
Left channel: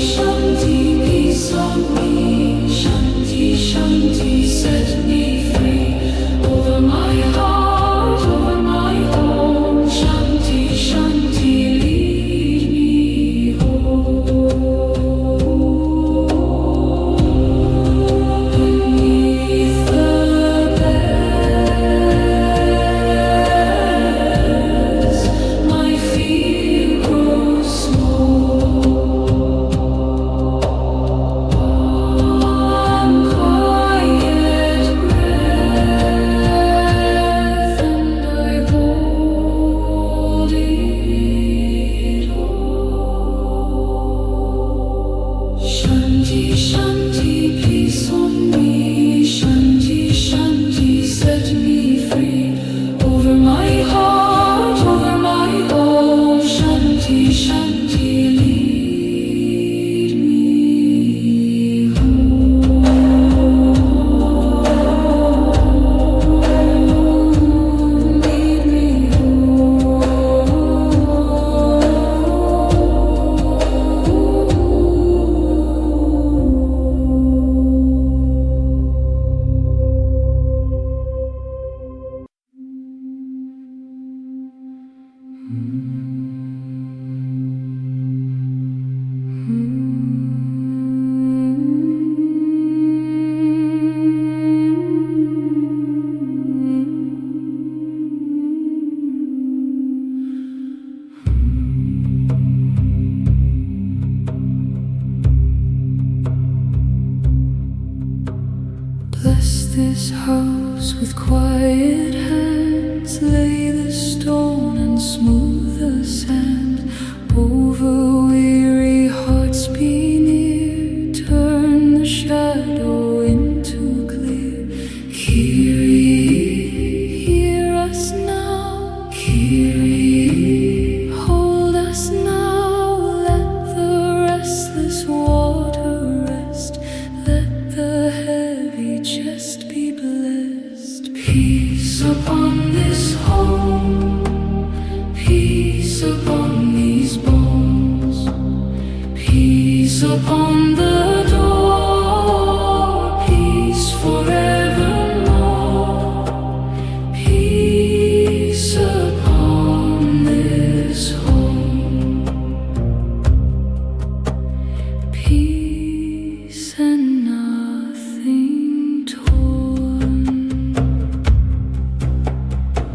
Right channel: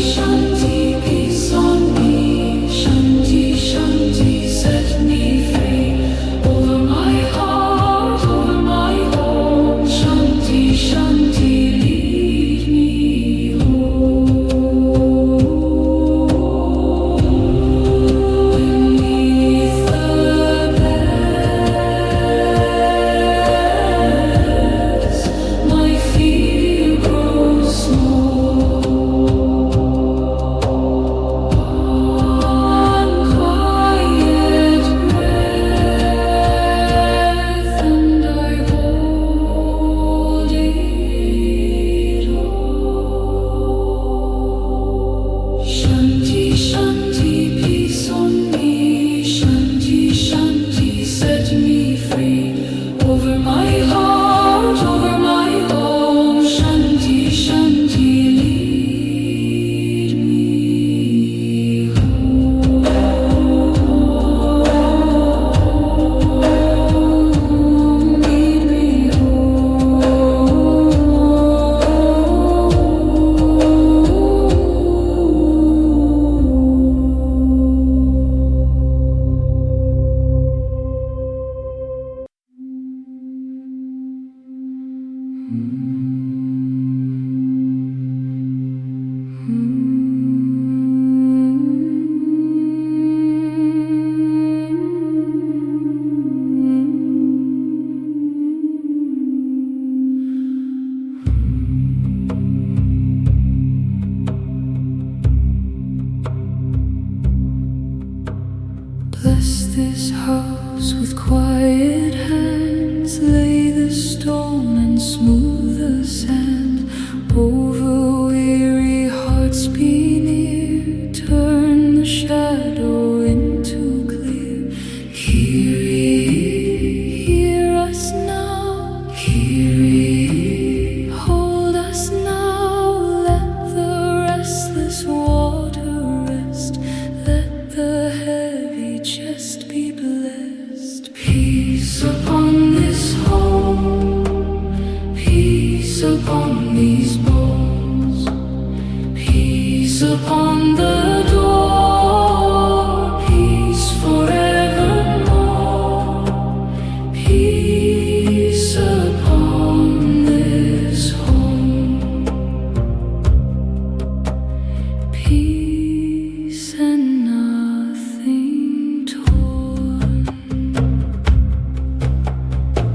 Shanti, peace on me. Shanti, Bless this house with quiet hands, lay the stone and smooth the sand. Over weary hearts be near, turn the shadow into clear. Kyrie, hear us now. Kyrie, hold us now. Let the restless water rest. Let the heavy chest be blessed. Peace upon this home, peace upon these bones, peace upon the door, peace forevermore. Peace upon this home, peace and nothing torn.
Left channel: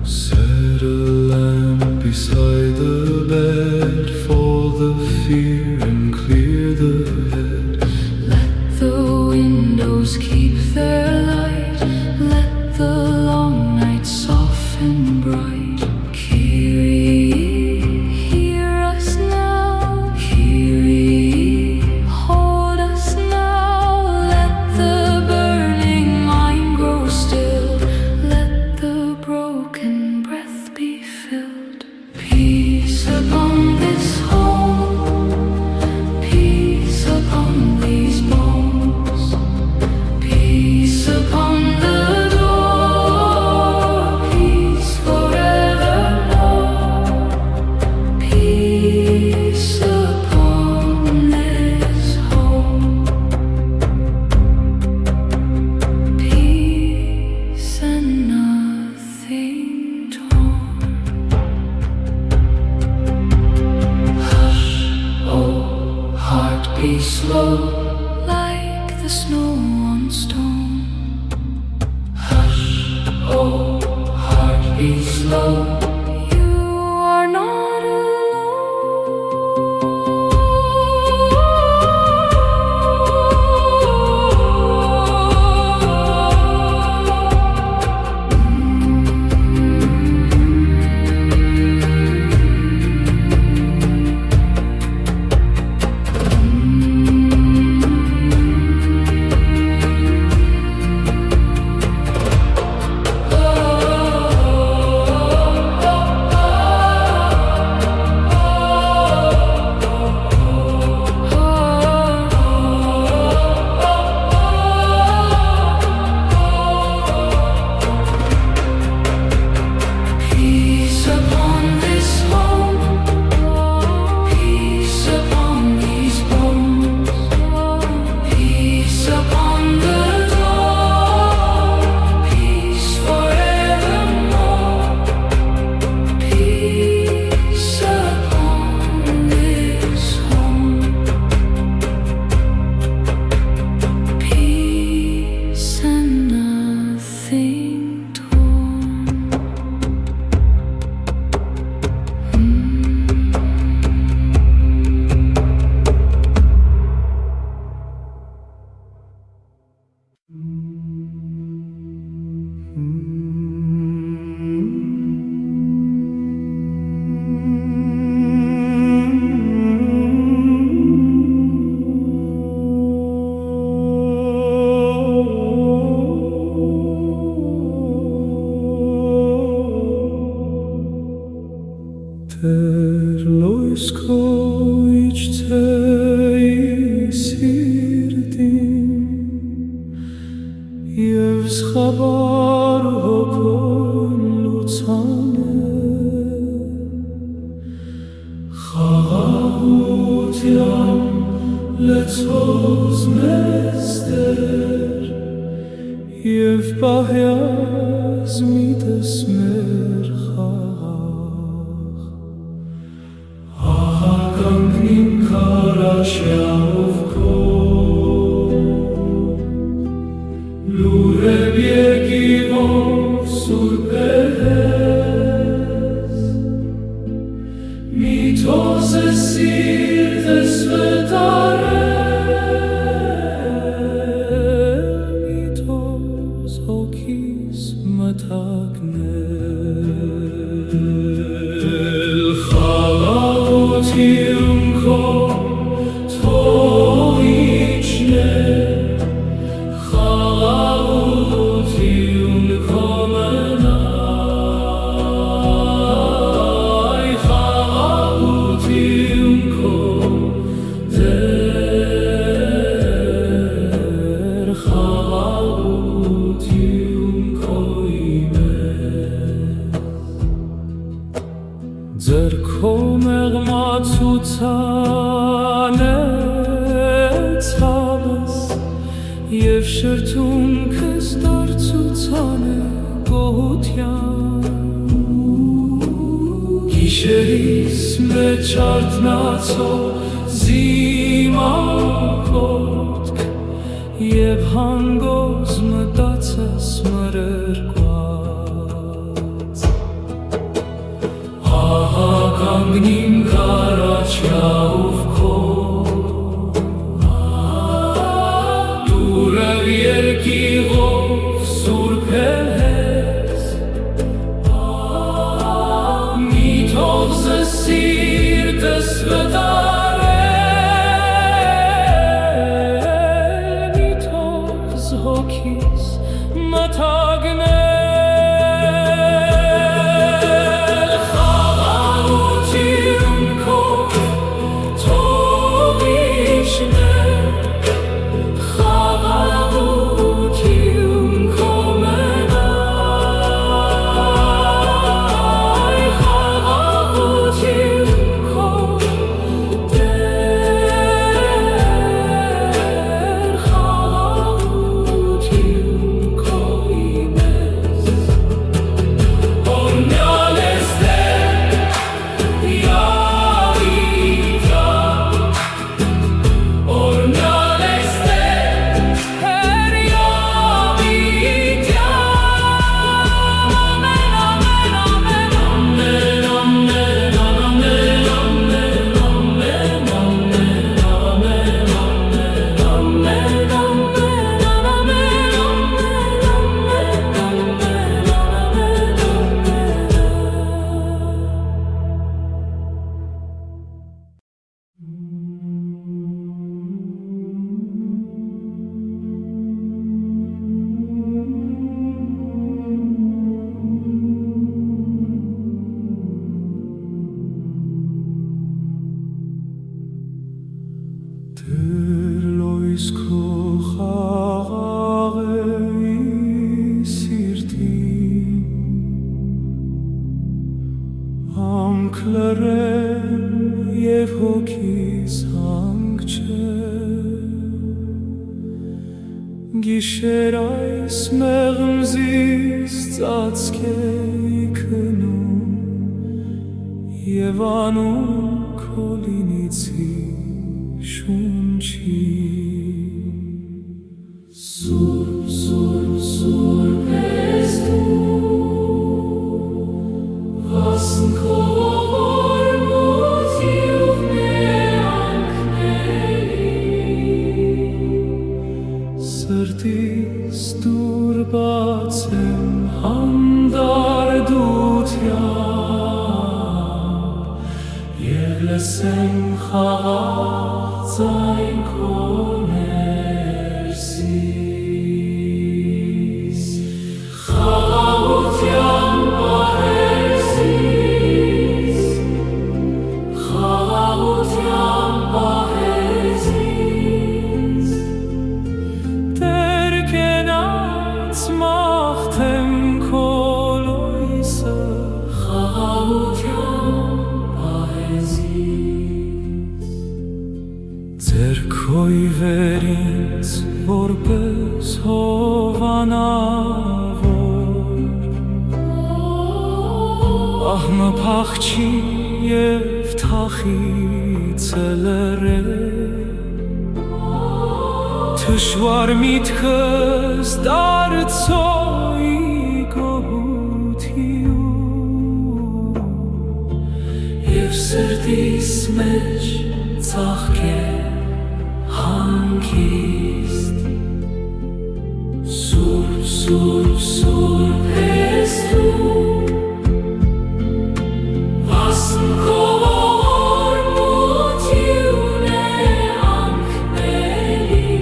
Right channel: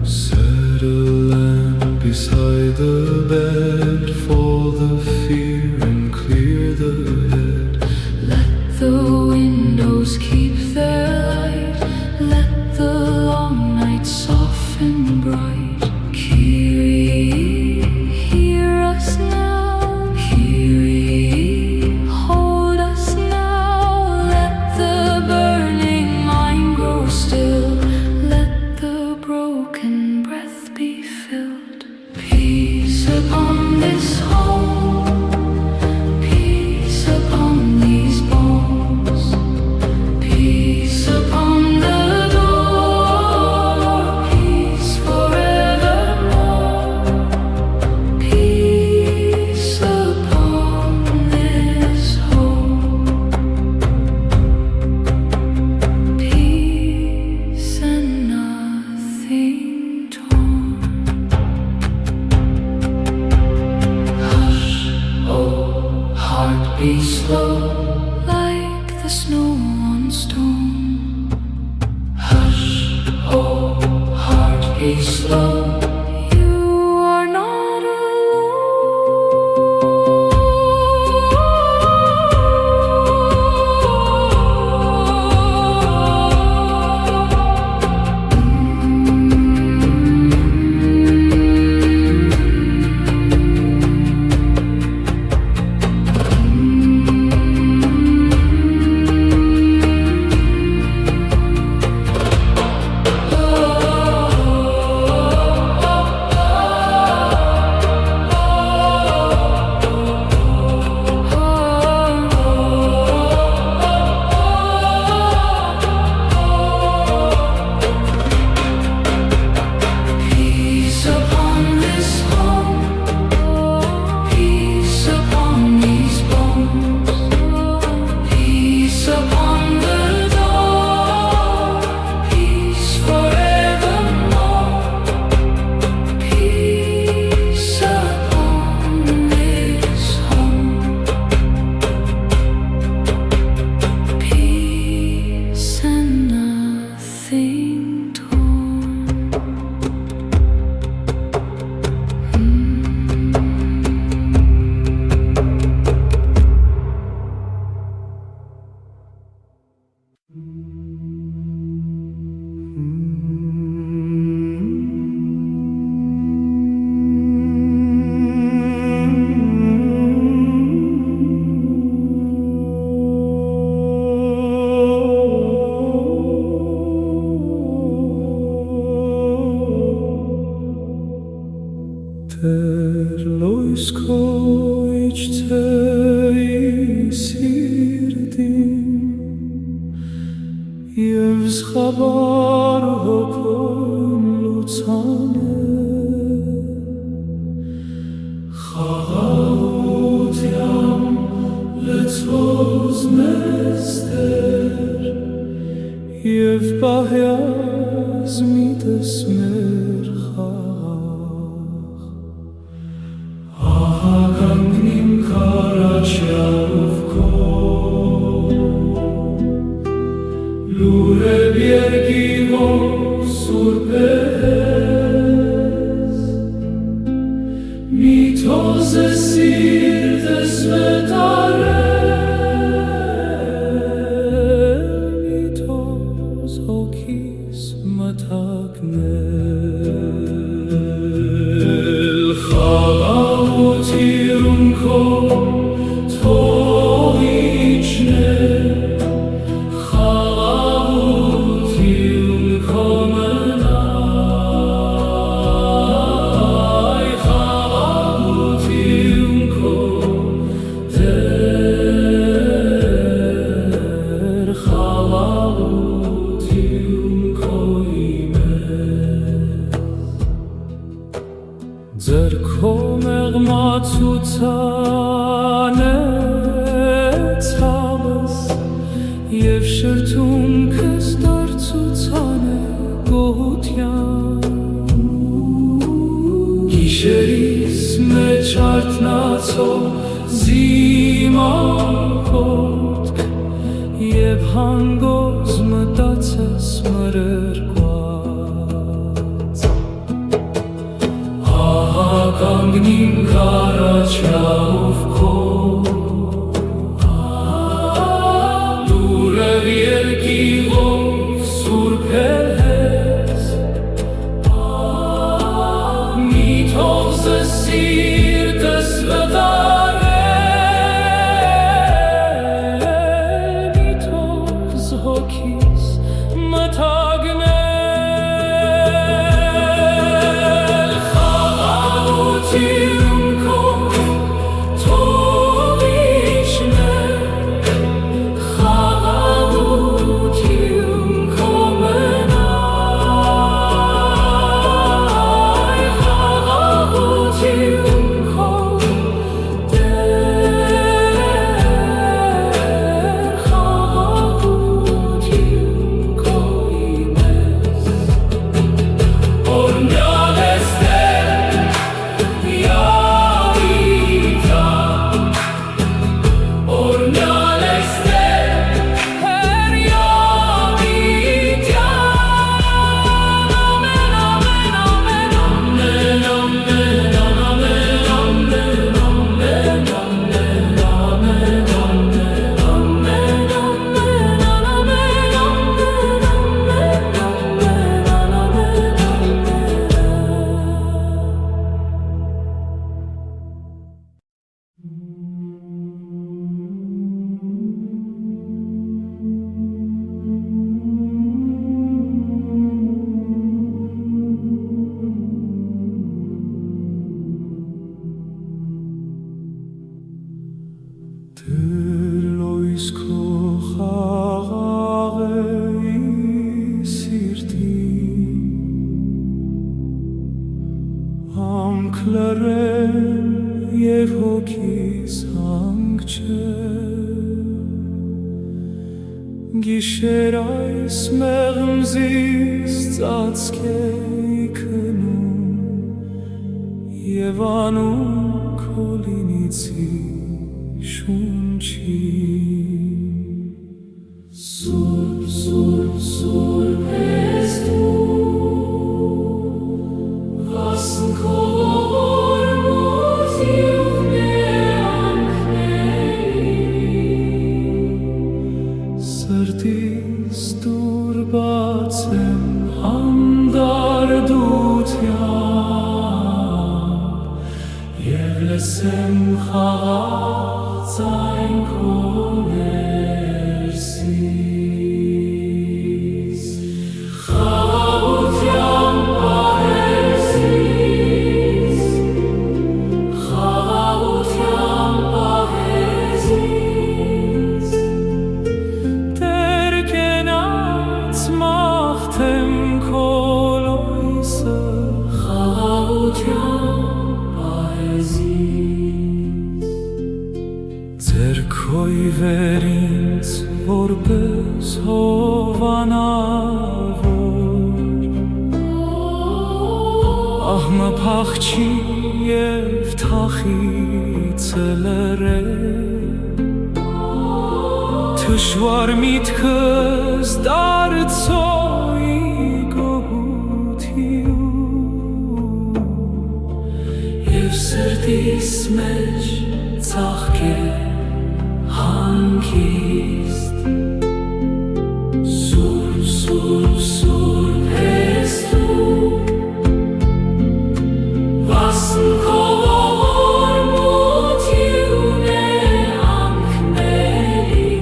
Set a lamp beside the bed for the fear and clear the head. Let the windows keep their light, let the long night soften bright. Kyrie, hear us now. Kyrie, hold us now. Let the burning mind grow still, let the broken breath be filled. Peace upon this home, peace upon these bones, peace upon the door, peace forevermore. Peace upon this home, peace and nothing torn. Hush, oh heart, be slow, like the snow on stone. Hush, oh heart, be slow. You are not peace upon this home, peace upon these bones, peace upon the door, peace forevermore. Peace upon this home, peace and nothing torn. Տեր լույս քո իջցեի սիրտին և զղաբար հոգում լուծանը խաղաղության լցվոց մեզ Տեր և պահյազ միտս մեր խաղաղ ահագանքնիմ քարաչյալով քո լուրև երկիվով սուրբ ես մի թոզ է սիրտս վետարել մի թոզ խաղաղություն ձեռքո մեղմացուցան է ցավս և շրթունքս դարձուցան է գոհության գիշերիս մեջ արթնացող զիմակոտք և հանգոզ մտածես մրրկված կանգնիմ քարաչյաով քո դուրև երկիղով սուրբ ես մի թող զս սիրտս վտարել մի թող զհոգիս մթագնել Դրլոյս քո խաղաղ է սիրտին Համք լռեն և հոգիս հանք չէ Գիշեր այս մեղմզիս ծածկեի քնում Եվ անում քո լինիցի շունչին Սուրբ, սուրբ, սուրբ ես դու Վասն քո ողորմությամբ է անքների Սրտիս դուր բաց եմ հանդարտության Եվ լսեմ խաղաղ Ձայն քո ներսից Խաղաղության պահեզից Խաղաղության պահեզից Տեր կենաց մաղթեմ քո լույսը Խաղաղության պահեզից Ձերքոյ վեր ինձ որպես հովանավոր Ահմը փախչի և թախիցը լրել Թշվար միտքս դարձոյի գոհություն Եվ սրտիս մեջ ծաղկել Հանգիստ Սուրբ, սուրբ, սուրբ ես դու Վասն քո ողորմություն է անքների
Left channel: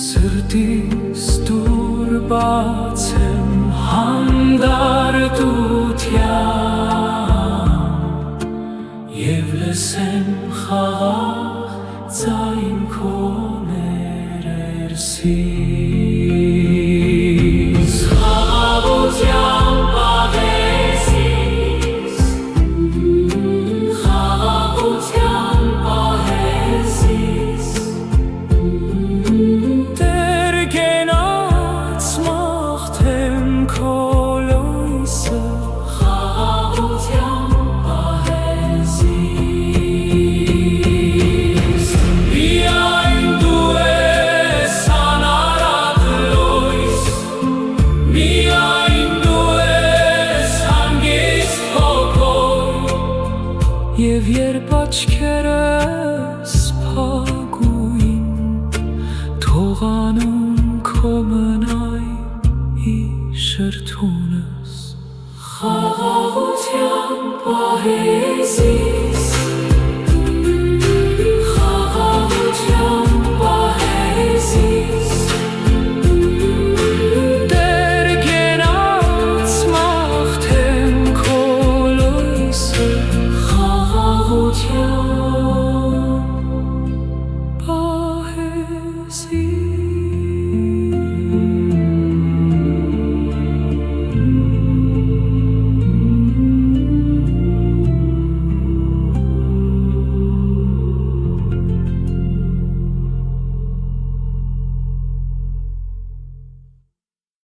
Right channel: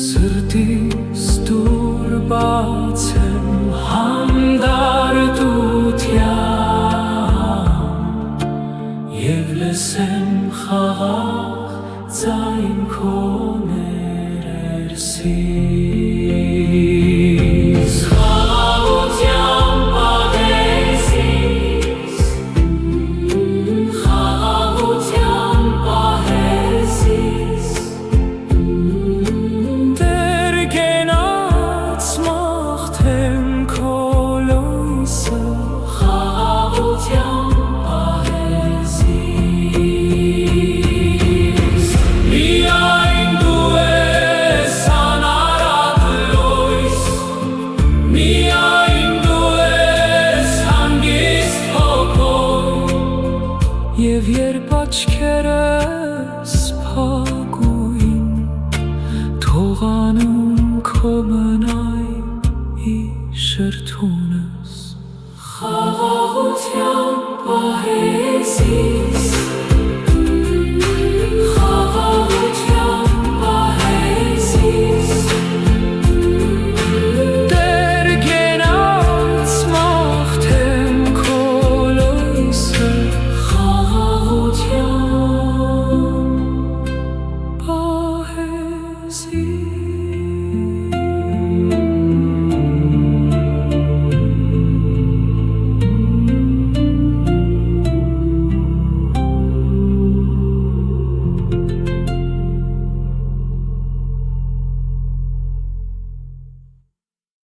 Սրտիս դուր բաց եմ հանդարտության Եվ լսեմ խաղաղ ձայն քո ներսից պահեսիս Խաղաղության պահեսիս Խաղաղության պահեսիս Դեր գենաց մաղթեմ քո լույսը Խաղաղության պահեսիս Միայն դու ես անարատ լույս Միայն դու ես հանգիստ հոգով Եվ երբ աչքերս փակուին Թողանում քո մնայ շրթունս Խաղաղության պահեսիս